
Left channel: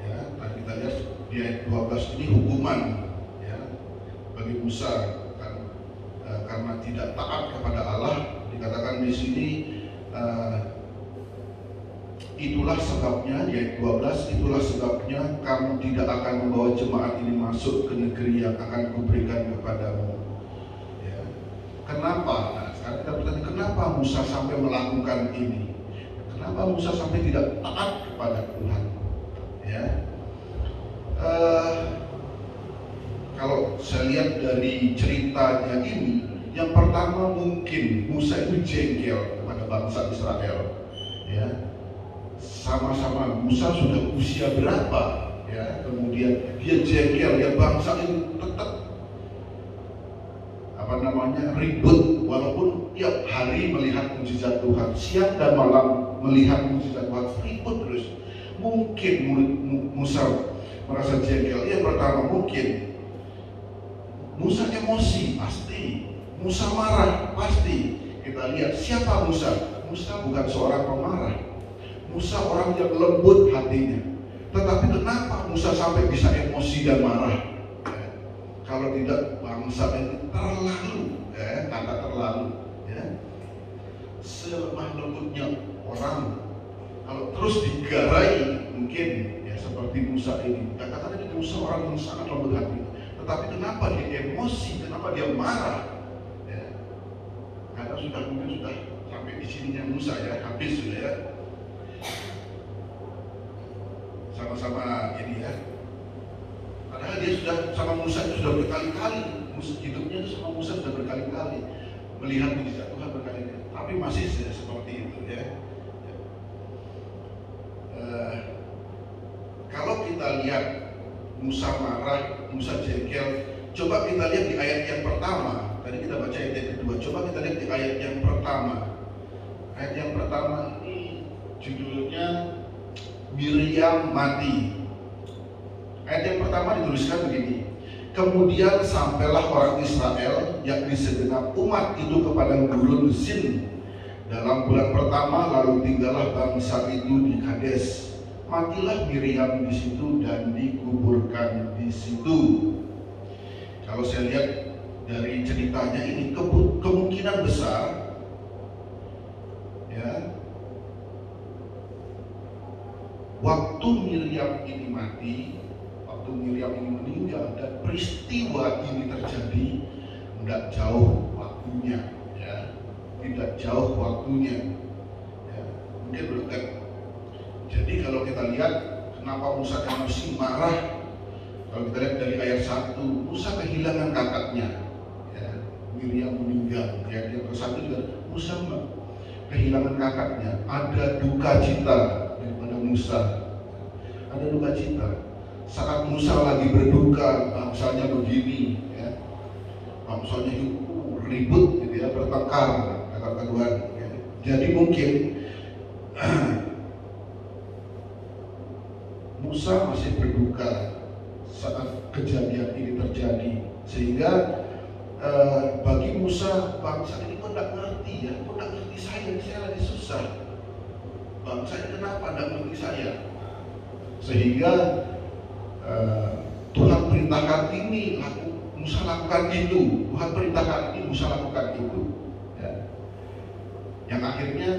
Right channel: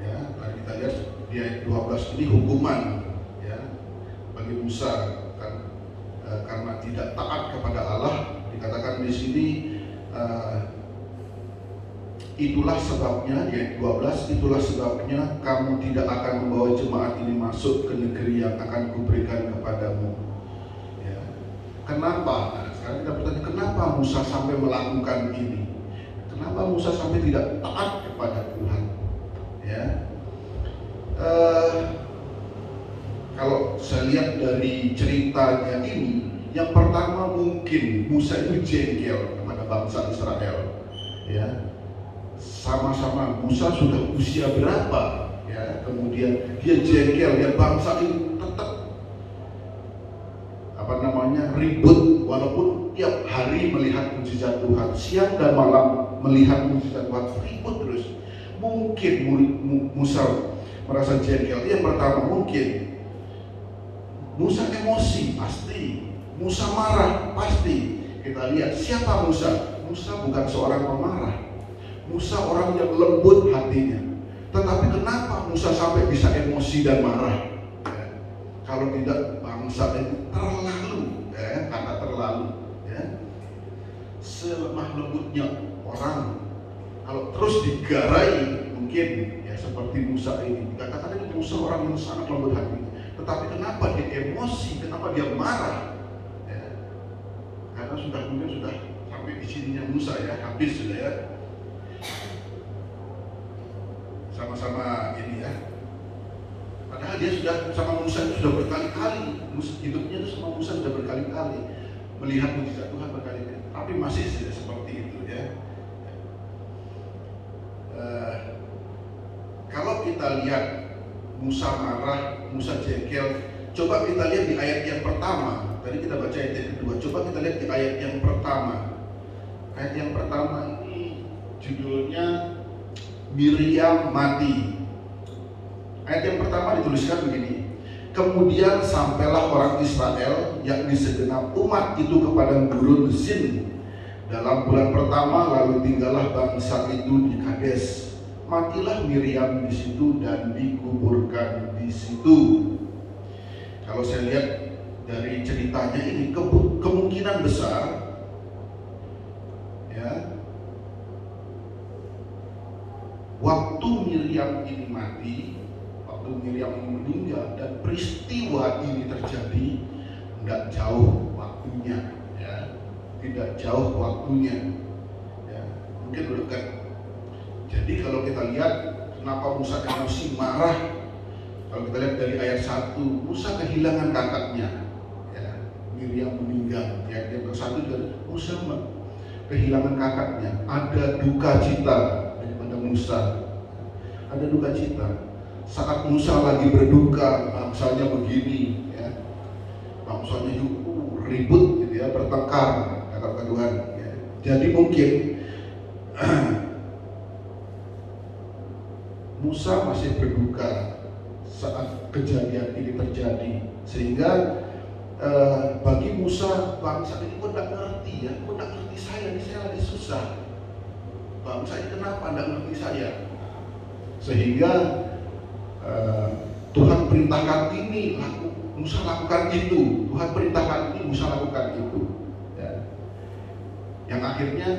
Ya, tadi kita lihat di ayat 12 ini hukuman, ya, bagi Musa karena tidak taat kepada Allah. Dikatakan di sini itulah sebabnya, di ayat 12, itulah sebabnya kamu tidak akan membawa jemaat ini masuk ke negeri yang akan kuberikan kepadamu. Kenapa? Nah, sekarang kita bertanya, kenapa Musa sampai melakukan ini? Kenapa Musa sampai tidak taat kepada Tuhan? Ya, kalau saya lihat dari ceritanya ini, yang pertama mungkin Musa itu jengkel kepada bangsa Israel. Ya, sama-sama Musa sudah usia berapa? Ya, kemudian dia jengkel, dia bangsa ini tetap ribut, walaupun tiap hari melihat mujizat Tuhan, siang dan malam melihat mujizat Tuhan, ribut terus. Mungkin Musa merasa jengkel. Yang pertama mungkin Musa emosi, pasti. Musa marah, pasti. Kita lihat siapa Musa. Musa bukan seorang pemarah. Musa orang yang lembut hatinya. Tetapi kenapa Musa sampai bisa emosi dan marah? Kalau tidak, bangsa itu karena terlalu, ya. Selemah lembutnya orang kalau terus digarai, mungkin ya seperti Musa ini. Dikatakan itu Musa orang yang sangat lembut hati. Tetapi kenapa dia emosi? Kenapa dia marah? Ya. Karena mungkin sudah sampai di sininya Musa, ya, habis sudah, ya. Sama-sama ini, ya. Padahal dia sudah sama Musa itu sudah berkali-kali hidupnya itu sama Musa sudah berkali-kali melihat mujizat Tuhan berkali-kali, tapi masih seperti itu ya. Kalau kita lihat Musa marah, Musa jengkel, coba kita lihat di ayat yang pertama. Tadi kita baca ayat yang kedua, coba kita lihat di ayat yang pertama. Ayat yang pertama ini judulnya Miriam mati. Ayat yang pertama dituliskan begini: kemudian sampailah orang Israel, yakni segenap umat itu ke padang gurun Zin dalam bulan pertama, lalu tinggallah bangsa itu di Kades. Matilah Miriam di situ dan dikuburkan di situ. Kalau saya lihat dari ceritanya ini, kemungkinan besar ya, waktu Miriam ini mati, waktu Miriam ini meninggal dan peristiwa ini terjadi, tidak jauh waktunya ya, tidak jauh waktunya ya, mungkin berdekat. Jadi kalau kita lihat kenapa Musa emosi marah, kalau kita lihat dari ayat 1, Musa kehilangan kakaknya ya, Miriam meninggal ya, yang ke-1 juga Musa kehilangan kakaknya, ada duka cita daripada Musa, ada duka cita saat Musa lagi berduka, bangsanya begini ya, bangsanya ribut gitu ya, bertengkar kakak-kaduan ya. Jadi mungkin Musa masih berduka saat kejadian ini terjadi, sehingga bagi Musa, bangsa ini kok tidak ngerti ya, kok tidak ngerti saya, ini saya lagi susah, bangsa ini kenapa tidak ngerti saya, sehingga Tuhan perintahkan ini, Musa lakukan itu, Tuhan perintahkan ini, Musa lakukan itu ya. Yang akhirnya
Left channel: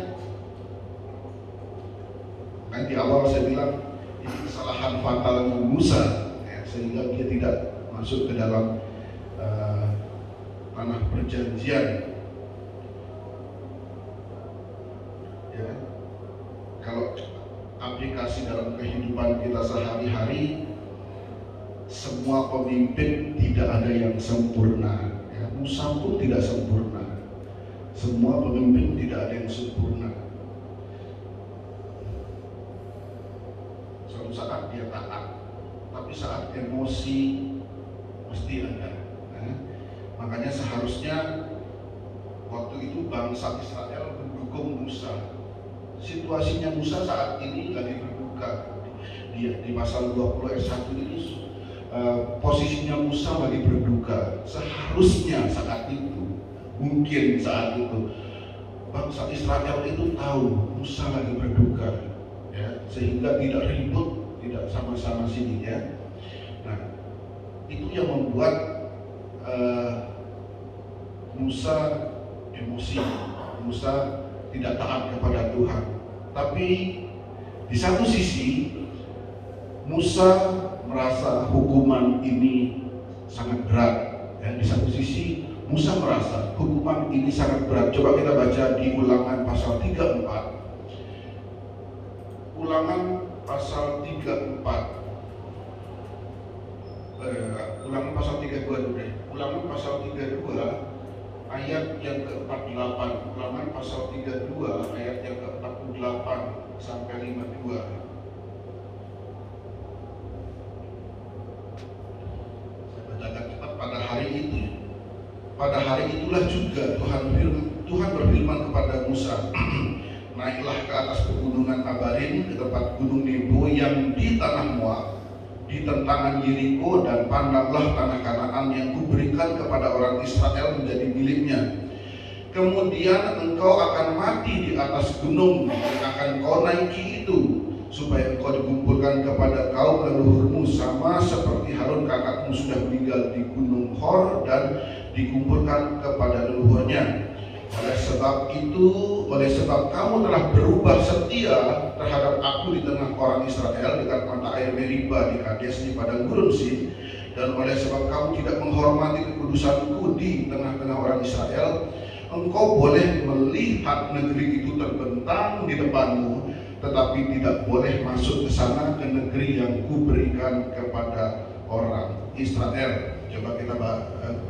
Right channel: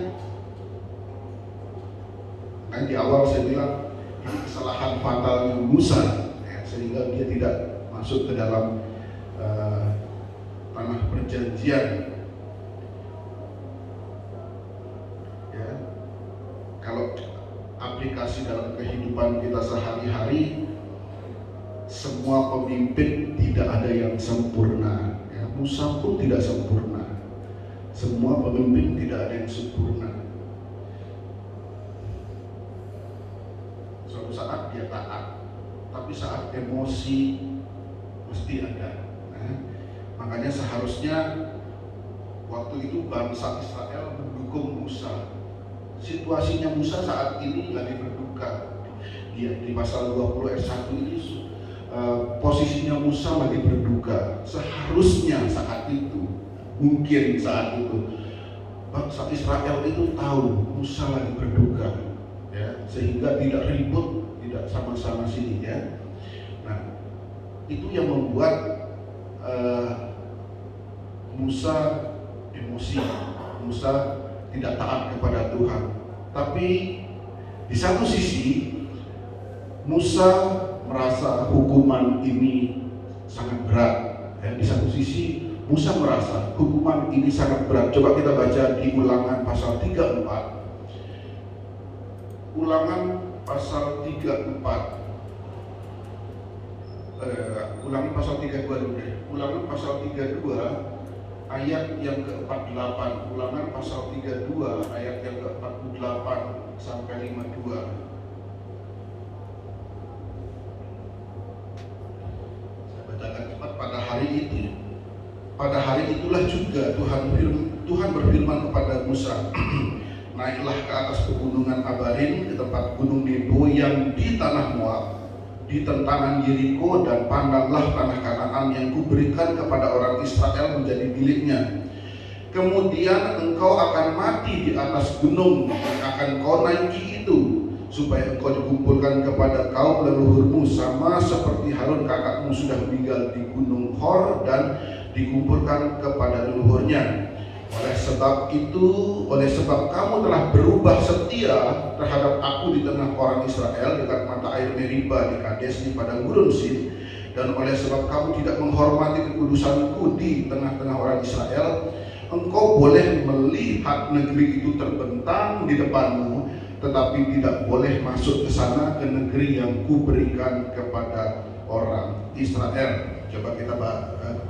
di awal saya bilang kesalahan fatal Musa ya, sehingga dia tidak masuk ke dalam tanah perjanjian ya. Kalau aplikasi dalam kehidupan kita sehari-hari, semua pemimpin tidak ada yang sempurna ya. Musa pun tidak sempurna, semua pemimpin tidak ada yang sempurna. Suatu saat dia taat, tapi saat emosi mesti ada. Makanya seharusnya waktu itu bangsa Israel mendukung Musa. Situasinya Musa saat ini lagi berduka. Di pasal 20 ayat 1 ini posisinya Musa lagi berduka. Seharusnya saat itu, mungkin saat itu bangsa Israel itu tahu Musa lagi berduka ya, sehingga tidak ribut, tidak sama-sama sini ya. Nah, itu yang membuat Musa emosi, Musa tidak taat kepada Tuhan. Tapi di satu sisi Musa merasa hukuman ini sangat berat ya. Di satu sisi Musa merasa hukuman ini sangat berat. Coba kita baca di Ulangan pasal 34. Ulangan pasal 34. Ulangan pasal 32 dulu deh. Ulangan pasal 32 ayat yang ke-48. Ulangan pasal 32 ayat yang ke-48 sampai 52. Saya bacakan cepat. Pada hari itulah juga Tuhan berfirman kepada Musa, naiklah ke atas pegunungan Abarim, ke tempat gunung Nebo yang di tanah Moab, di tentangan Yeriko, dan pandanglah tanah Kanaan yang kuberikan kepada orang Israel menjadi miliknya. Kemudian engkau akan mati di atas gunung yang akan kau naiki itu, supaya engkau dikumpulkan kepada kaum leluhurmu, sama seperti Harun kakakmu sudah meninggal di gunung Hor dan dikumpulkan kepada leluhurnya. Oleh sebab kamu telah berubah setia terhadap aku di tengah orang Israel dekat mata air Meriba di Kades di padang gurun Zin, dan oleh sebab kamu tidak menghormati kekudusanku di tengah-tengah orang Israel, engkau boleh melihat negeri itu terbentang di depanmu, tetapi tidak boleh masuk ke sana, ke negeri yang kuberikan kepada orang Israel. Coba kita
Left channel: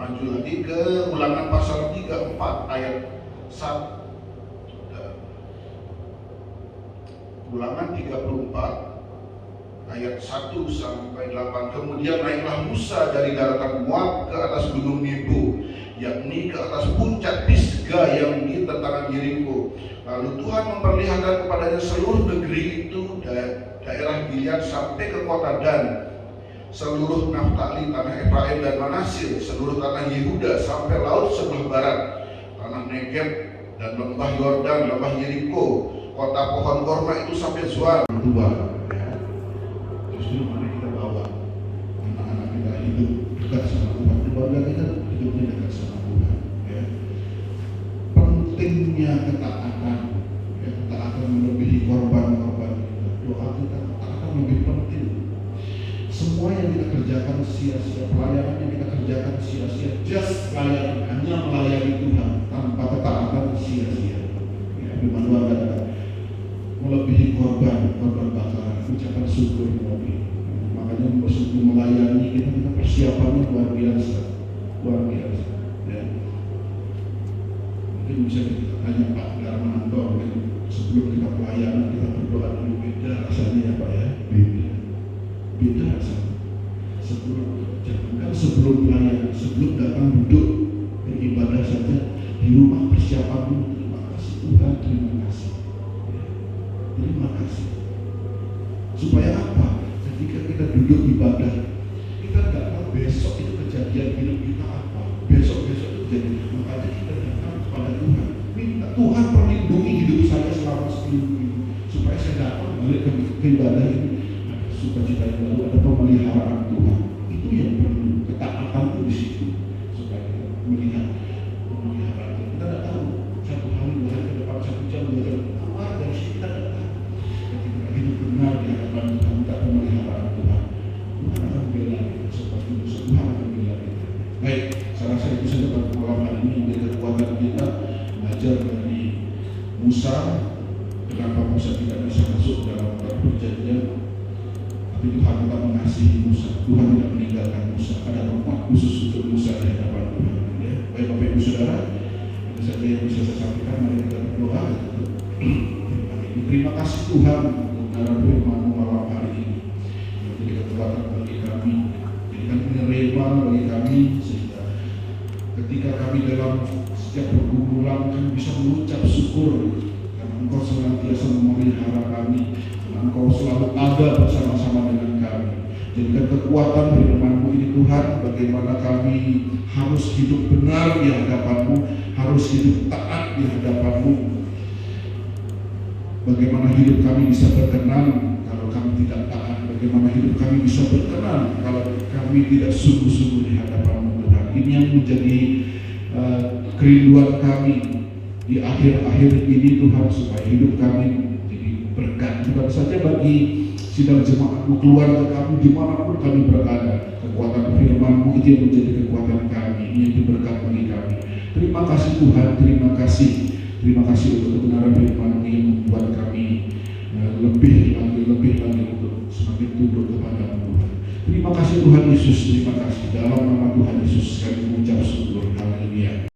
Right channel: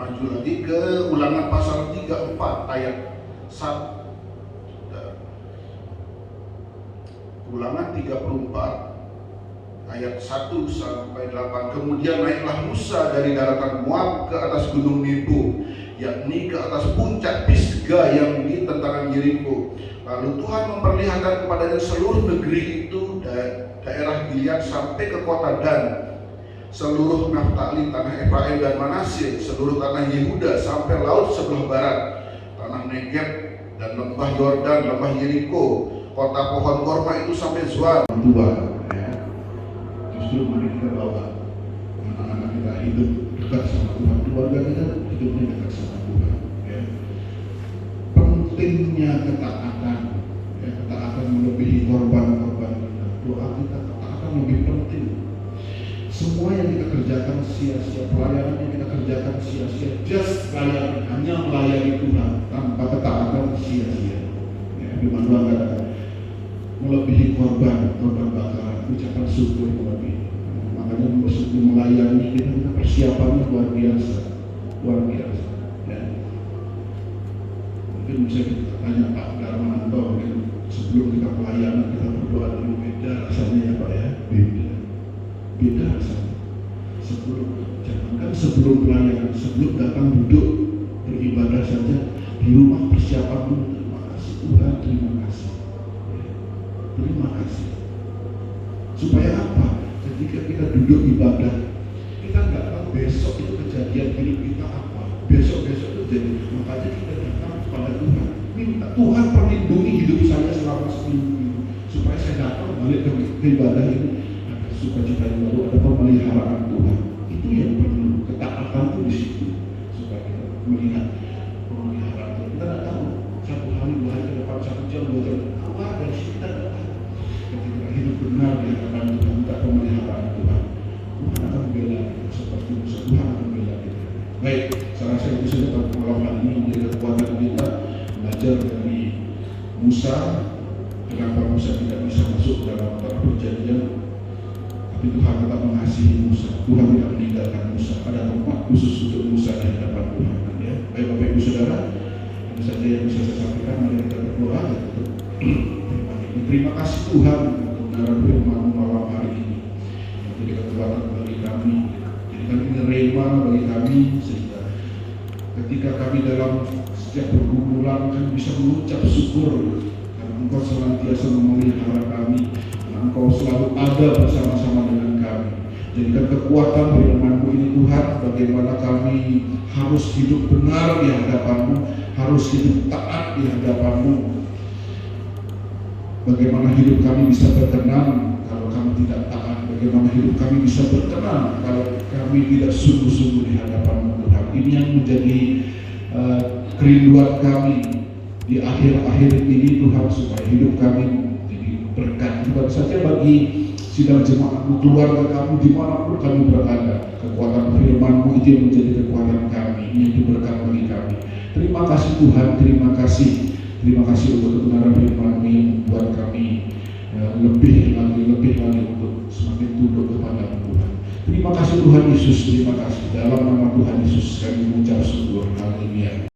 maju lagi ke Ulangan pasal 34 ayat 1. Ulangan 34 ayat 1 sampai 8. Kemudian naiklah Musa dari daratan Moab ke atas gunung Nebo, yakni ke atas puncak Pisga yang di tentangan Yeriko. Lalu Tuhan memperlihatkan kepadanya seluruh negeri itu, daerah Gilead sampai ke kota Dan, seluruh Naftali, tanah Efraim dan Manasye, seluruh tanah Yehuda sampai laut sebelah barat, tanah Negeb dan lembah Yordan, lembah Yeriko, kota pohon korma itu sampai Zoar. Tua, ya. Justru mari kita bawa anak-anak kita hidup dekat sama Tuhan, keluarga kita hidupnya dekat sama Tuhan. Ya. Pentingnya ketaatan, ya, ketaatan melebihi korban-korban. Doa kita ketaatan lebih penting. Semua yang kita kerjakan sia-sia, pelayanan yang kita kerjakan sia-sia, just pelayanan, hanya melayani Tuhan tanpa ketaatan sia-sia. Ya, firman Tuhan katakan melebihi korban bakaran, ucapan syukur melebihi. Makanya bersyukur melayani kita persiapannya luar biasa. Ya. Mungkin bisa kita tanya Pak Darmanto, sebelum kita pelayanan kita berdoa dulu, beda rasanya ya Pak ya, beda rasanya. Sebelum pelayanan, sebelum datang duduk beribadah saja di rumah persiapanmu, terima kasih Tuhan, terima kasih. Terima kasih. Supaya apa? Ketika kita duduk ibadah, kita nggak tahu besok itu kejadian hidup kita apa. Besok itu jadi, makanya kita datang kepada Tuhan. Minta Tuhan perlindungi hidup saya selama 10 minggu, supaya saya datang balik ke ibadah ini ada sukacita yang baru, ada pemeliharaan Tuhan. Itu yang perlu, ketaatan itu di situ, supaya kita melihat pemeliharaan. Kita nggak tahu 1 hari, 2 hari ke depan, 1 jam, 2 jam keluar dari situ kita nggak tahu. Ketika hidup benar di hadapan Tuhan, minta pemeliharaan Tuhan, Tuhan akan membela kita seperti Musa. Tuhan akan membela kita. Baik, saya rasa itu saja perpuluhan ini menjadi kekuatan kita belajar dari Musa. Kenapa Musa tidak bisa masuk dalam perjanjian? Tapi Tuhan tetap mengasihi Musa. Tuhan tidak meninggalkan Musa. Ada tempat khusus untuk Musa di hadapan Tuhan. Ya. Baik Bapak Ibu Saudara, itu saja yang bisa saya sampaikan. Mari kita berdoa. Terima kasih Tuhan untuk dalam firman-Mu malam hari ini. Yang menjadi kekuatan bagi kami, jadikan ini rema bagi kami, sehingga ketika kami dalam setiap pergumulan kami bisa mengucap syukur karena Engkau senantiasa memelihara kami, karena Engkau selalu ada bersama-sama dengan kami. Jadikan kekuatan firman-Mu ini Tuhan, bagaimana kami harus hidup benar di hadapan-Mu, harus hidup taat di hadapan-Mu. Bagaimana hidup kami bisa berkenan kalau kami tidak taat, bagaimana hidup kami bisa berkenan kalau kami tidak sungguh-sungguh di hadapan Tuhan. Ini yang menjadi kerinduan kami di akhir-akhir ini Tuhan, supaya hidup kami jadi berkat bukan saja bagi sidang jemaat-Mu, keluarga kami, dimanapun kami berada. Kekuatan firman-Mu itu yang menjadi kekuatan kami, ini itu berkat bagi kami. Terima kasih Tuhan, terima kasih. Terima kasih untuk kebenaran firman-Mu yang membuat kami lebih lagi untuk semakin tunduk kepada Tuhan. Terima kasih Tuhan Yesus, terima kasih. Dalam nama Tuhan Yesus kami mengucap syukur. Haleluya.